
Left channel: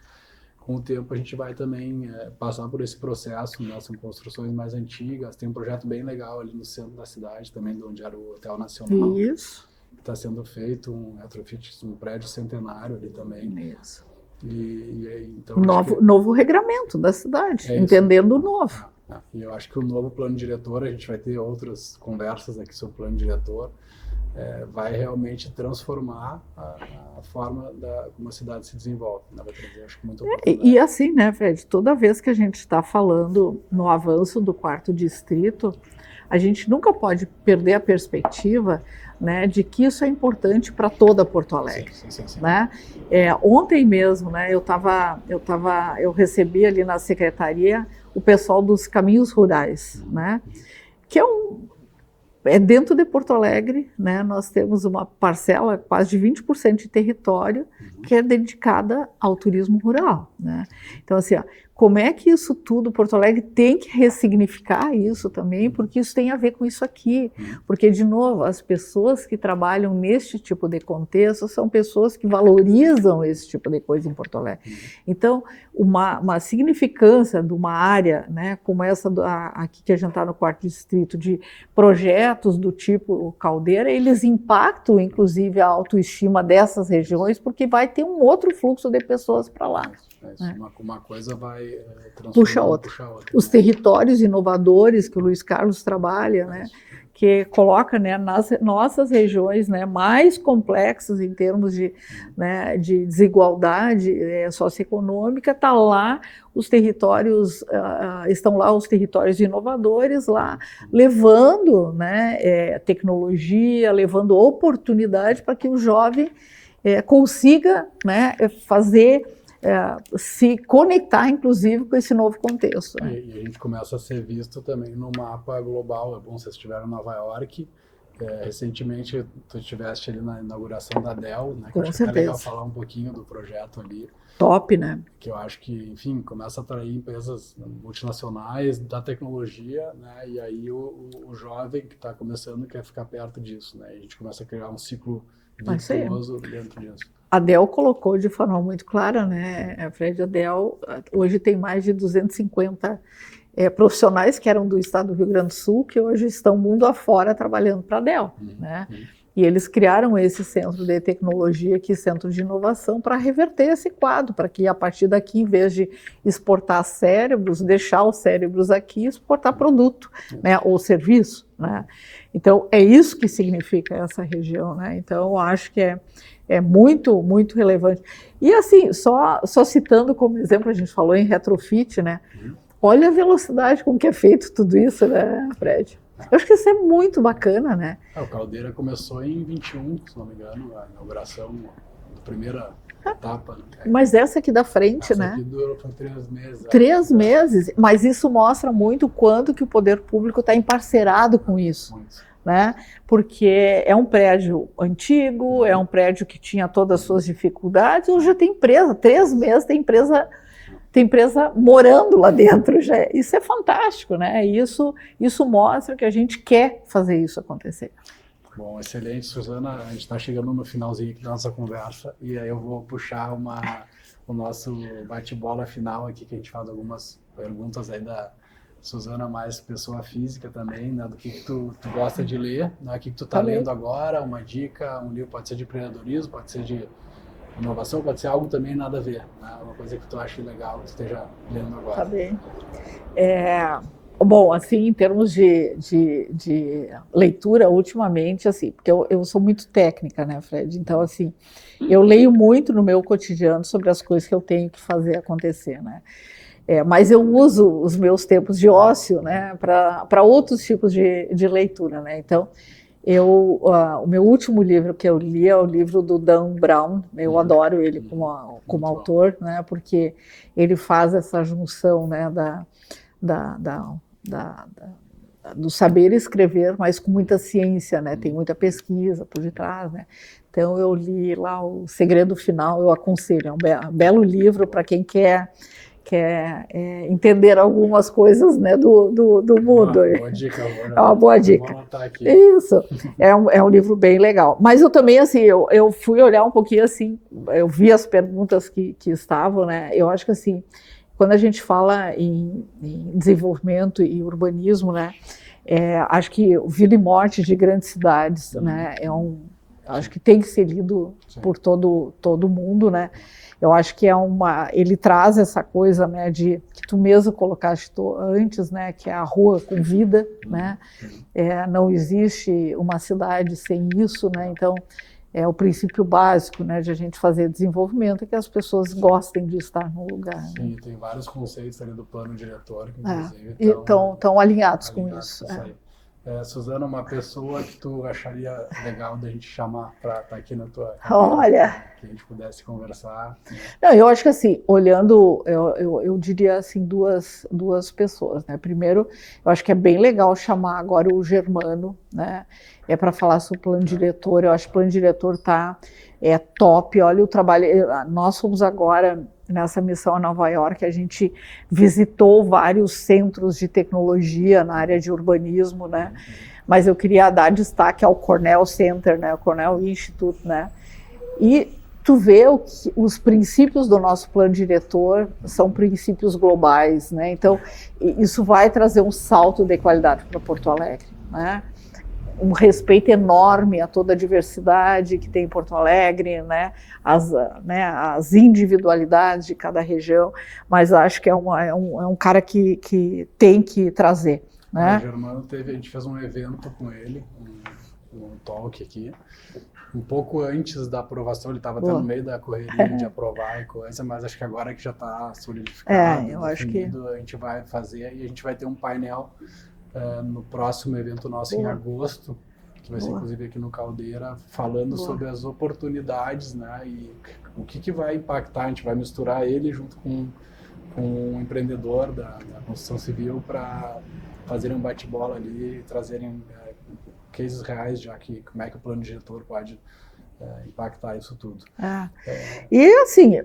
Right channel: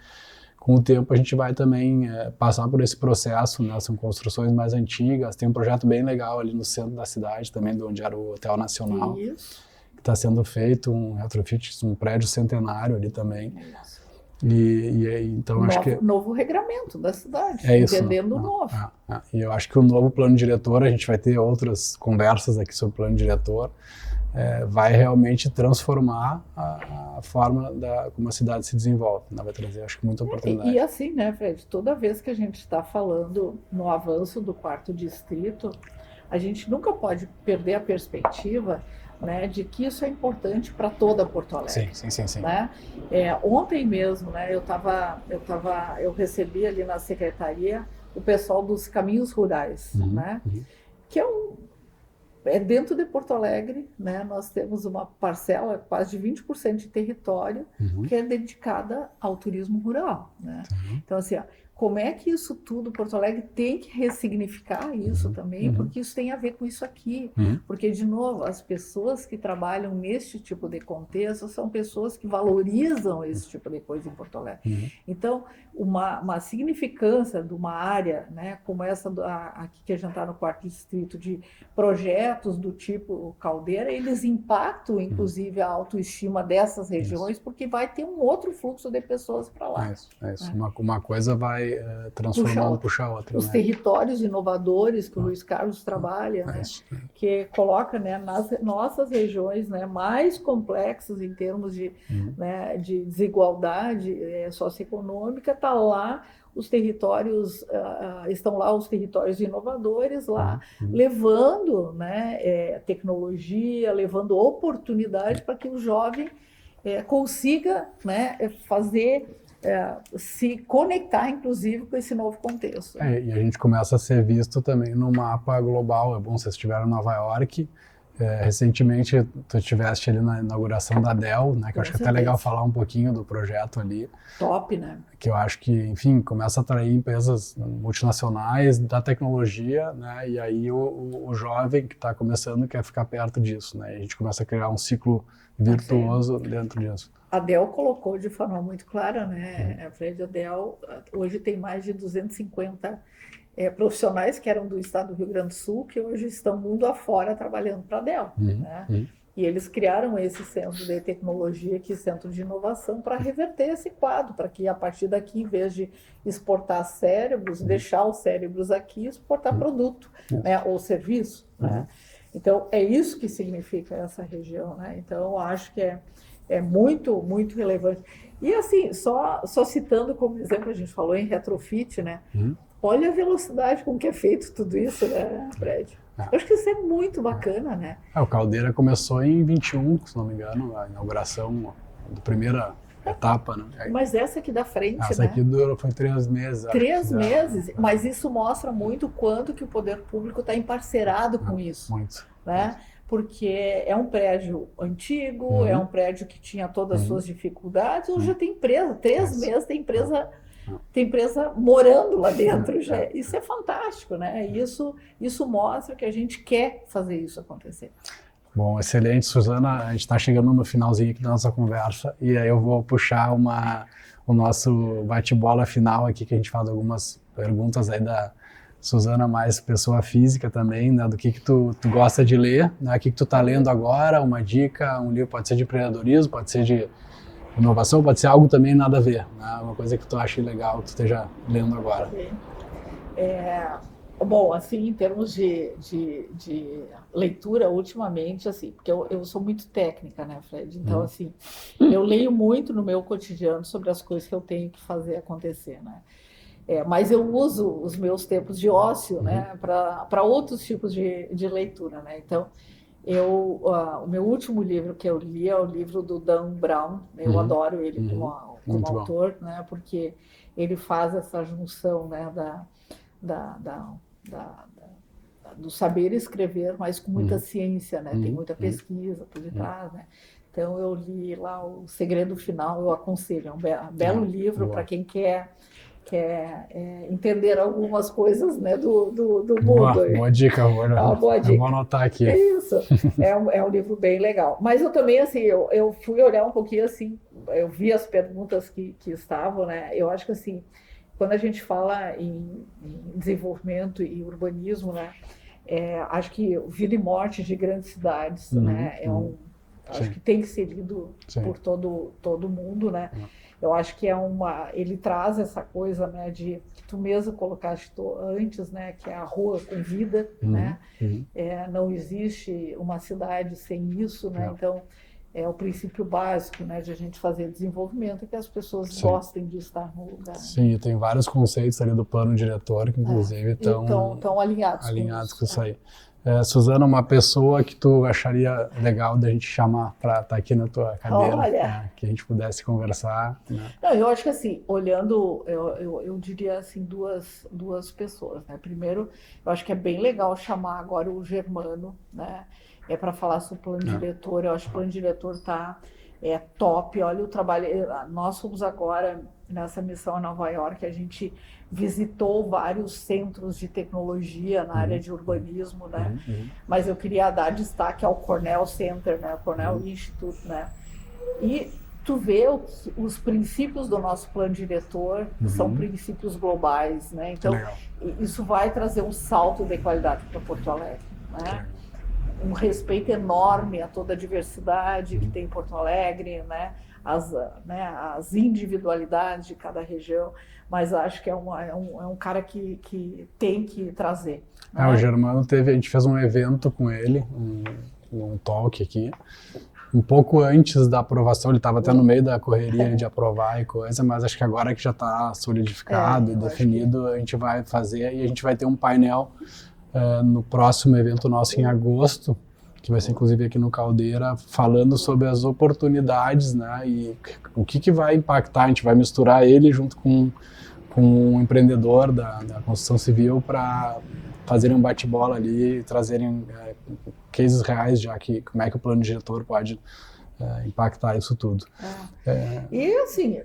Com o tempo a gente vai também passar por esse processo, né? São construções mais antigas, tem um projeto bem legal ali no centro da cidade também, de onde era o Hotel Nacional. Isso. Que está sendo feito um retrofit, um prédio centenário ali também. Isso. Então novo regramento da cidade, entendendo o novo. E eu acho que o novo plano diretor, a gente vai ter outras conversas aqui sobre o plano diretor, vai realmente transformar a forma como a cidade se desenvolve. Vai trazer, acho que, muita oportunidade. E assim, né, Fred, toda vez que a gente está falando no avanço do 4º distrito, a gente nunca pode perder a perspectiva, né, de que isso é importante para toda Porto Alegre. Sim. Né? Ontem mesmo, né, eu recebi ali na secretaria o pessoal dos caminhos rurais, né, que dentro de Porto Alegre, né, nós temos uma parcela, quase de 20% de território, que é dedicada ao turismo rural. Né? Então, assim, como é que isso tudo, Porto Alegre tem que ressignificar isso também, porque isso tem a ver com isso aqui. Porque, de novo, as pessoas que trabalham neste tipo de contexto são pessoas que valorizam esse tipo de coisa em Porto Alegre. Então, uma significância de uma área, né, como essa aqui que a gente está no 4º distrito, de projetos do tipo Caldeira, eles impactam, inclusive, a autoestima dessas regiões, porque vai ter um outro fluxo de pessoas para lá. Né? Uma coisa vai transformar, puxa outra. Os territórios inovadores que o Luiz Carlos trabalha, né, que coloca, né, nas nossas regiões, né, mais complexas em termos de desigualdade socioeconômica, está lá os territórios, estão lá os territórios inovadores lá, levando, né, tecnologia, levando oportunidade para que o jovem consiga, né, se conectar, inclusive, com esse novo contexto. E a gente começa a ser visto também no mapa global. É bom, vocês estiveram em Nova York, Recentemente, tu estiveste ali na inauguração da Dell, né? Que eu acho que é até legal falar um pouquinho do projeto ali. Top, né? Que eu acho que, enfim, começa a atrair empresas multinacionais da tecnologia, né? E aí o jovem que está começando quer ficar perto disso, né? E a gente começa a criar um ciclo virtuoso dentro disso. A Dell colocou de forma muito clara, né, Fred? A Dell hoje tem mais de 250 profissionais que eram do estado do Rio Grande do Sul, que hoje estão mundo afora trabalhando para a Dell, né? E eles criaram esse centro de tecnologia aqui, centro de inovação, para reverter esse quadro, para que a partir daqui, em vez de exportar cérebros, deixar os cérebros aqui e exportar produto, né, ou serviço, né? Então, é isso que significa essa região, né? Então, eu acho que é muito, muito relevante. E assim, só citando como exemplo, a gente falou em retrofit, né? Olha a velocidade com que é feito tudo isso, né, Fred? Eu acho que isso é muito bacana, né? O Caldeira começou em 21, se não me engano, a inauguração da primeira etapa, né? Mas essa aqui da frente, né? Essa aqui foi 3 meses. 3 meses, mas isso mostra muito quanto que o poder público está emparcerado com isso. Muito. Né? Porque é um prédio antigo, é um prédio que tinha todas as suas dificuldades, hoje já tem empresa, 3 meses tem empresa morando lá dentro. Já. Isso é fantástico, né? Isso mostra que a gente quer fazer isso acontecer. Bom, excelente, Suzana. A gente está chegando no finalzinho aqui da nossa conversa e aí eu vou puxar o nosso bate-bola final aqui, que a gente faz algumas perguntas aí da Suzana, mais pessoa física também, né? Do que tu gosta de ler, né? O que tu tá lendo agora, uma dica, um livro, pode ser de empreendedorismo, pode ser de inovação, pode ser algo também nada a ver, né? Uma coisa que tu acha legal, que tu esteja lendo agora. Tá bem. Bom, assim, em termos de leitura, ultimamente, assim, porque eu sou muito técnica, né, Fred? Então, assim, eu leio muito no meu cotidiano sobre as coisas que eu tenho que fazer acontecer, né? Mas eu uso os meus tempos de ócio, né, para outros tipos de leitura, né? Então, o meu último livro que eu li é o livro do Dan Brown. Eu adoro ele como autor, né, porque ele faz essa junção, né, do saber escrever, mas com muita ciência, né? Tem muita pesquisa por detrás, né? Então eu li lá O Segredo Final, eu aconselho, é um belo livro para quem quer entender algumas coisas, né, do mundo. Boa dica, uma boa dica. Eu vou anotar aqui. Isso, é um livro bem legal. Mas eu também, assim, eu fui olhar um pouquinho, assim, eu vi as perguntas que estavam, né? Eu acho que, assim, quando a gente fala em desenvolvimento e urbanismo, né, acho que Vida e Morte de Grandes Cidades, né, acho que tem que ser lido por todo mundo, né. Eu acho que ele traz essa coisa, né, que tu mesmo colocaste antes, né, que é a rua com vida, né. Não existe uma cidade sem isso, né. Então é o princípio básico, né, de a gente fazer desenvolvimento, que as pessoas gostem de estar no lugar. Sim, tem vários conceitos ali do plano diretor que, inclusive, estão alinhados com isso aí. Suzana, uma pessoa que tu acharia legal da gente chamar para estar aqui na tua cadeira, né, que a gente pudesse conversar? Né? Não, eu acho que, assim, olhando, eu diria, assim, duas pessoas, né? Primeiro, eu acho que é bem legal chamar agora o Germano, né? Para falar sobre o plano diretor. Eu acho que o plano diretor é top. Olha o trabalho. Nós fomos agora nessa missão a Nova York, a gente visitou vários centros de tecnologia na área de urbanismo, né? Mas eu queria dar destaque ao Cornell Center, né? O Cornell Institute, né? E tu vê os princípios do nosso plano diretor são princípios globais, né? Então, isso vai trazer um salto de qualidade para Porto Alegre, né? Um respeito enorme a toda a diversidade que tem em Porto Alegre, né? As individualidades de cada região, mas acho que é um cara que tem que trazer. Né? O Germano a gente fez um evento com ele, um talk aqui, um pouco antes da aprovação, ele estava até no meio da correria de aprovar e coisa, mas acho que agora que já está solidificado e definido, a gente vai fazer e a gente vai ter um painel no próximo evento nosso em agosto, que vai ser inclusive aqui no Caldeira, falando sobre as oportunidades, né, e o que vai impactar. A gente vai misturar ele junto com um empreendedor da construção civil para fazerem um bate-bola ali e trazerem cases reais já, como é que o plano diretor pode impactar isso tudo. E assim,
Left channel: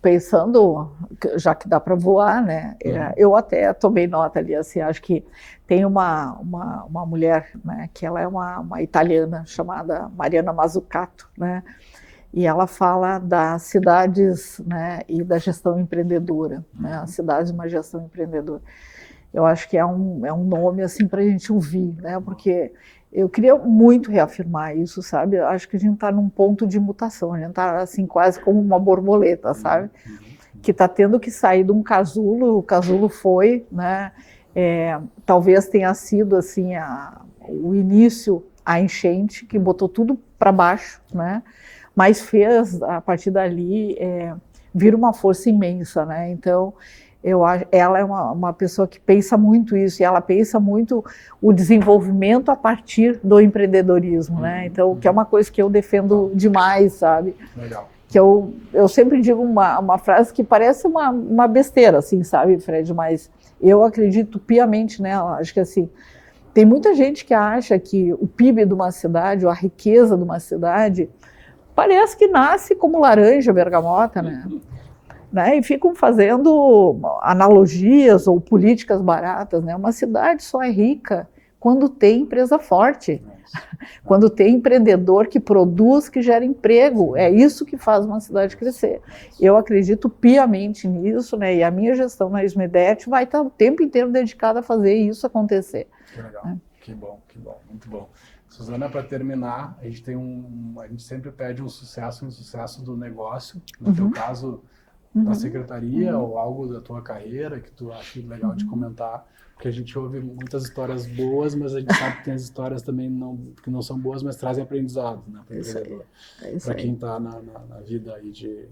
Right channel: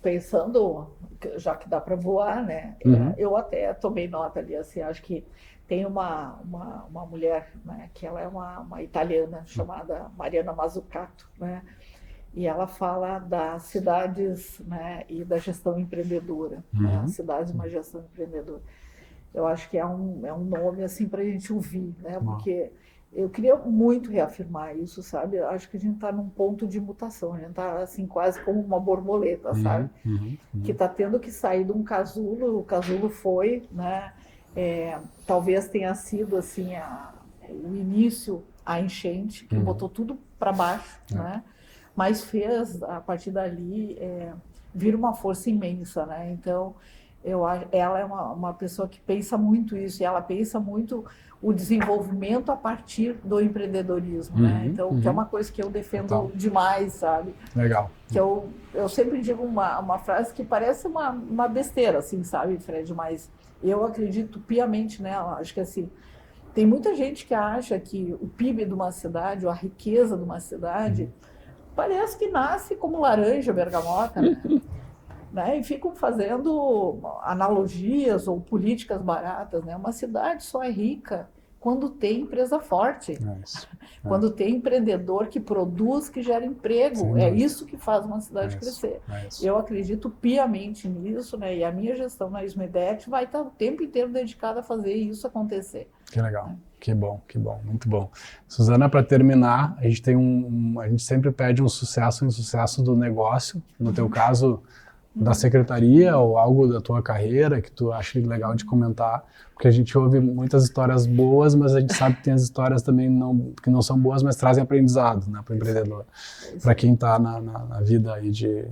pensando, já que dá para voar, né, eu até tomei nota ali, assim, acho que tem uma mulher, né, que ela é uma italiana, chamada Mariana Mazzucato, né, e ela fala das cidades, né, e da gestão empreendedora, né, as cidades uma gestão empreendedora. Eu acho que é um nome assim para a gente ouvir, né, porque eu queria muito reafirmar isso, sabe? Eu acho que a gente está num ponto de mutação, a gente está assim quase como uma borboleta, sabe? Que está tendo que sair de um casulo. O casulo foi, né? Talvez tenha sido assim o início, a enchente que botou tudo para baixo, né? Mas fez a partir dali vir uma força imensa, né? Então ela é uma pessoa que pensa muito isso, e ela pensa muito o desenvolvimento a partir do empreendedorismo, né? Então, que é uma coisa que eu defendo demais, sabe? Legal. Que eu sempre digo uma frase que parece uma besteira, assim, sabe, Fred? Mas eu acredito piamente nela. Acho que, assim, tem muita gente que acha que o PIB de uma cidade, ou a riqueza de uma cidade, parece que nasce como laranja bergamota, né? E ficam fazendo analogias ou políticas baratas, né? Uma cidade só é rica quando tem empresa forte, quando tem empreendedor que produz, que gera emprego. É isso que faz uma cidade crescer. Eu acredito piamente nisso, né? E a minha gestão na Ismedet vai estar o tempo inteiro dedicada a fazer isso acontecer. Que legal. Que bom, muito bom. Suzana, para terminar, a gente a gente sempre pede um sucesso do negócio. No teu caso, da secretaria ou algo da tua carreira que tu acha legal de comentar, porque a gente ouve muitas histórias boas, mas a gente sabe que tem as histórias também que não são boas, mas trazem aprendizado, né, para o empreendedor, para quem está na vida aí de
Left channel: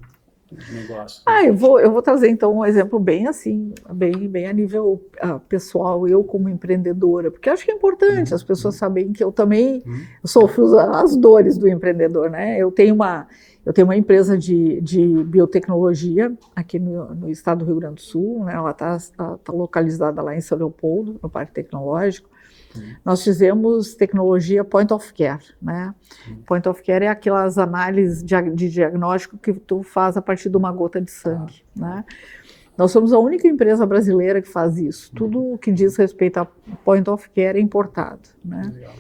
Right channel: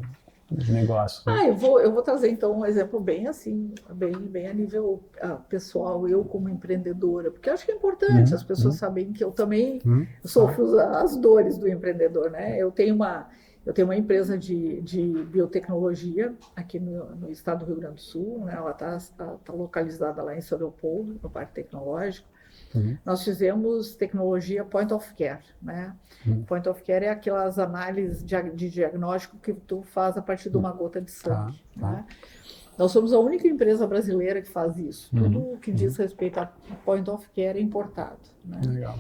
negócio. Eu vou trazer então um exemplo bem assim, bem a nível pessoal, eu como empreendedora, porque acho que é importante as pessoas saberem que eu também sofro as dores do empreendedor, né? Eu tenho uma empresa de biotecnologia aqui no estado do Rio Grande do Sul, né? Ela está localizada lá em São Leopoldo, no Parque Tecnológico. Nós fizemos tecnologia point of care, né? Point of care é aquelas análises de diagnóstico que tu faz a partir de uma gota de sangue, né? Nós somos a única empresa brasileira que faz isso. Tudo o que diz respeito a point of care é importado, né? Legal.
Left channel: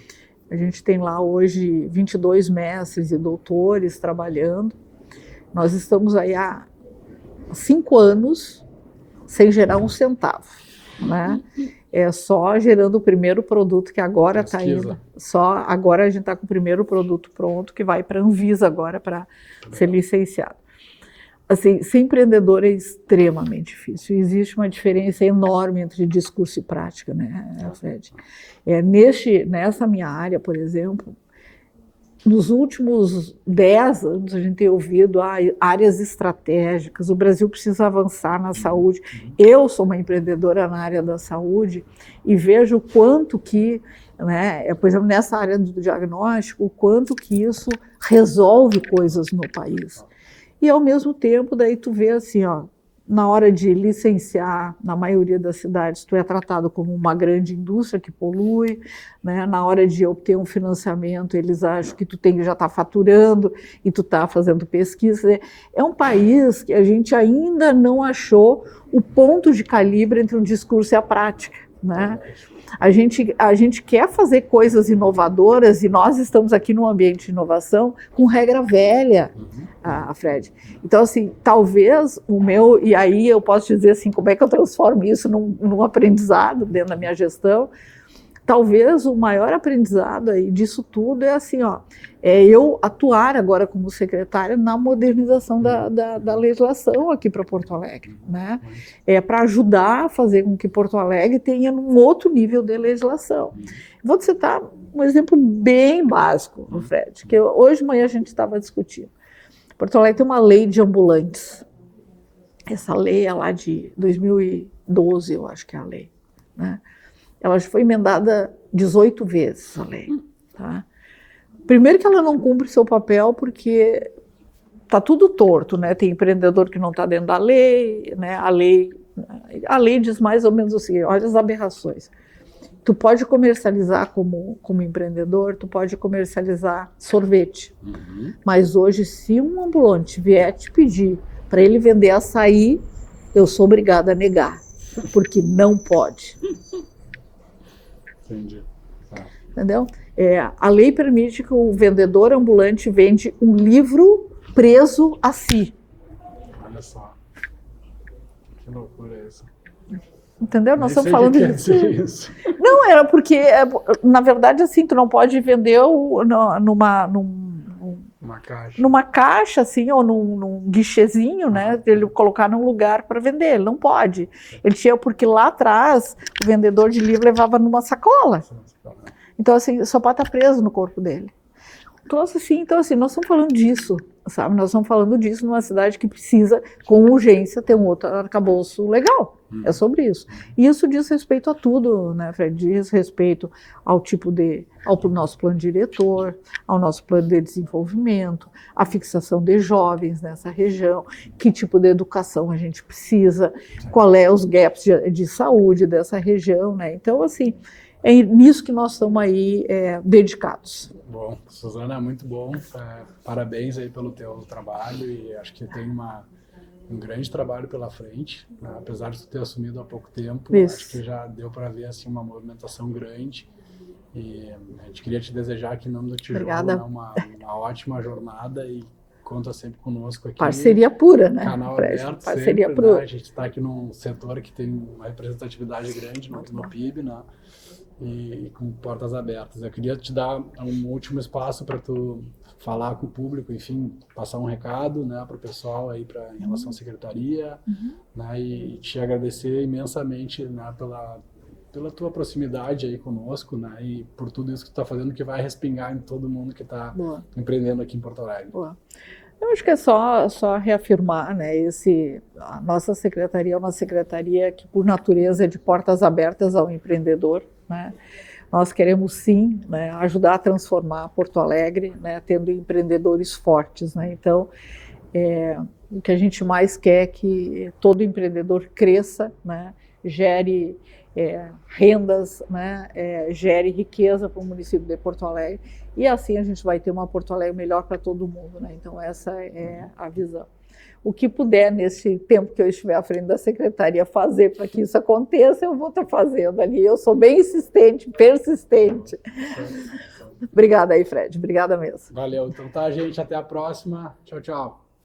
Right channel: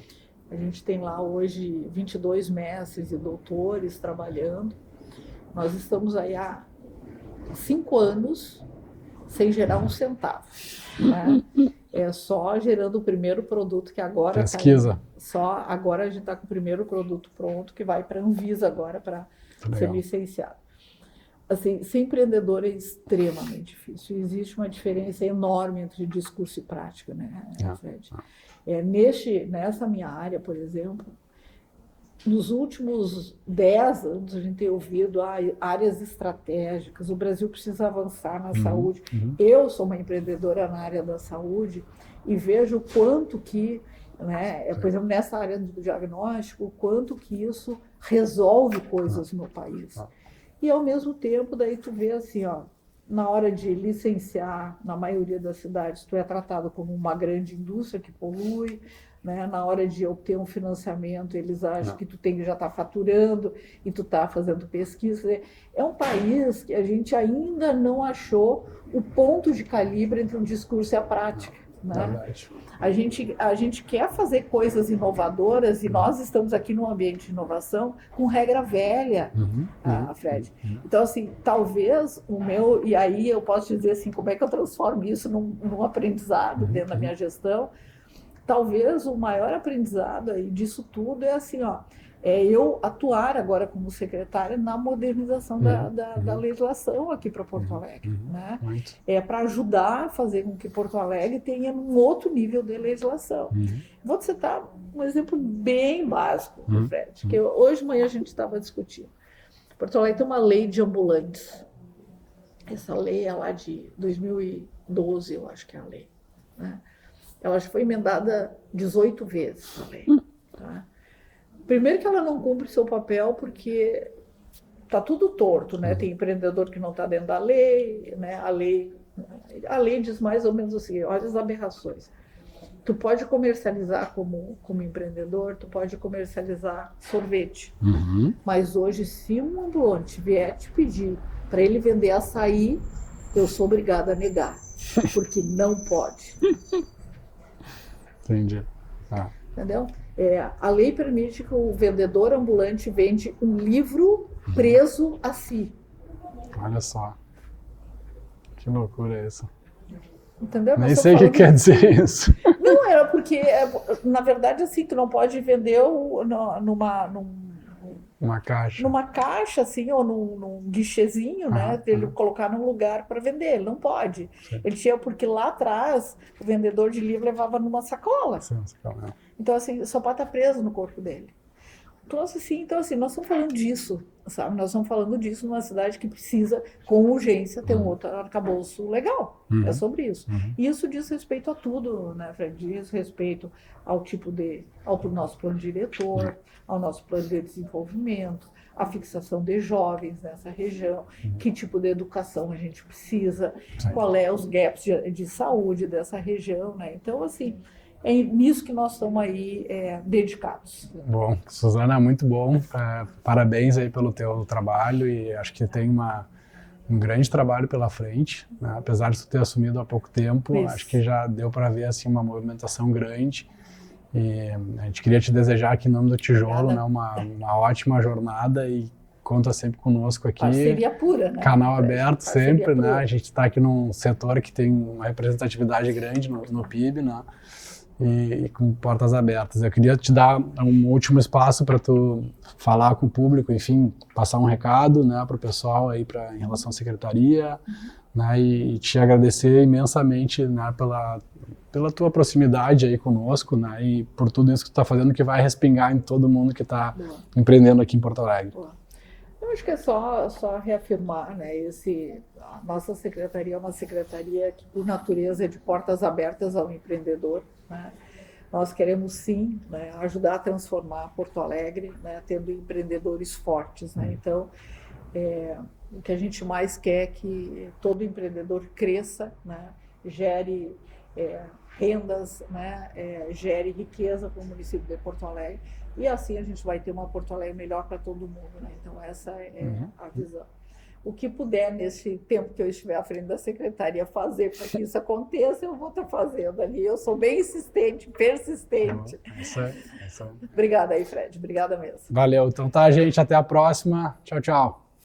A gente tem lá hoje 22 mestres e doutores trabalhando. Nós estamos aí há 5 anos sem gerar um centavo, né? É só gerando o primeiro produto que agora está indo. Só agora a gente está com o primeiro produto pronto que vai para a Anvisa agora para ser licenciado. Assim, ser empreendedor é extremamente difícil. Existe uma diferença enorme entre discurso e prática, né, Fred? Nessa minha área, por exemplo, nos últimos 10 anos a gente tem ouvido áreas estratégicas, o Brasil precisa avançar na saúde. Eu sou uma empreendedora na área da saúde e vejo o quanto que, né, por exemplo, nessa área do diagnóstico, o quanto que isso resolve coisas no país. E, ao mesmo tempo, daí tu vê assim, na hora de licenciar, na maioria das cidades, tu é tratado como uma grande indústria que polui, né? Na hora de obter um financiamento, eles acham que tu já está faturando e tu está fazendo pesquisa. É um país que a gente ainda não achou o ponto de calibre entre o discurso e a prática, né? A gente quer fazer coisas inovadoras e nós estamos aqui num ambiente de inovação com regra velha, Fred. Então, assim, talvez e aí eu posso dizer assim, como é que eu transformo isso num aprendizado dentro da minha gestão? Talvez o maior aprendizado aí disso tudo é assim, é eu atuar agora como secretária na modernização da legislação aqui para Porto Alegre, né? Para ajudar a fazer com que Porto Alegre tenha um outro nível de legislação. Vou te citar um exemplo bem básico, Fred, que hoje de manhã a gente estava discutindo. Porto Alegre tem uma lei de ambulantes. Essa lei é lá de 2012, eu acho que é a lei, né? Ela já foi emendada 18 vezes, a lei, tá? Primeiro que ela não cumpre seu papel porque está tudo torto, né? Tem empreendedor que não está dentro da lei, né? A lei diz mais ou menos o seguinte, olha as aberrações. Tu pode comercializar como empreendedor, tu pode comercializar sorvete. Mas hoje, se um ambulante vier te pedir para ele vender açaí, eu sou obrigada a negar, porque não pode. Entendi. Entendeu? A lei permite que o vendedor ambulante vende um livro preso a si. Olha só. Que loucura isso. Entendeu? Nem sei o que quer dizer isso. Não, era porque, na verdade, assim, tu não pode vender numa caixa, assim, ou num guichezinho, né? Ele colocar num lugar para vender. Ele não pode. Ele tinha, porque lá atrás, o vendedor de livro levava numa sacola. Então, assim, só pode estar preso no corpo dele. Então, assim, nós estamos falando disso, sabe? Nós estamos falando disso numa cidade que precisa, com urgência, ter um outro arcabouço legal. É sobre isso. E isso diz respeito a tudo, né, Fred? Diz respeito ao ao nosso plano diretor, ao nosso plano de desenvolvimento, a fixação de jovens nessa região, que tipo de educação a gente precisa, qual é os gaps de saúde dessa região, né? Então, assim, é nisso que nós estamos aí dedicados. Bom, Suzana, muito bom. Parabéns aí pelo teu trabalho e acho que tem um grande trabalho pela frente, né? Apesar de tu ter assumido há pouco tempo, acho que já deu para ver assim uma movimentação grande e a gente queria te desejar aqui em nome do Tijolo, né, uma ótima jornada e conta sempre conosco aqui. Parceria pura, né? Canal aberto sempre, né? A gente está aqui num setor que tem uma representatividade grande no PIB, né? E com portas abertas. Eu queria te dar um último espaço para tu falar com o público, enfim, passar um recado, né, para o pessoal aí em relação à secretaria, né, e te agradecer imensamente, né, pela tua proximidade aí conosco, né, e por tudo isso que tu está fazendo, que vai respingar em todo mundo que está empreendendo aqui em Porto Alegre. Boa. Eu acho que é só reafirmar, né, a nossa secretaria é uma secretaria que, por natureza, é de portas abertas ao empreendedor, né? Nós queremos, sim, né, ajudar a transformar Porto Alegre, né, tendo empreendedores fortes, né? Então, o que a gente mais quer é que todo empreendedor cresça, né, gere rendas, né, gere riqueza para o município de Porto Alegre, e assim a gente vai ter uma Porto Alegre melhor para todo mundo, né? Então essa é a visão. O que puder, nesse tempo que eu estiver à frente da secretaria, fazer para que isso aconteça, eu vou estar fazendo ali. Eu sou bem insistente, persistente. Isso aí. Obrigada aí, Fred. Obrigada mesmo. Valeu. Então tá, gente. Até a próxima. Tchau, tchau.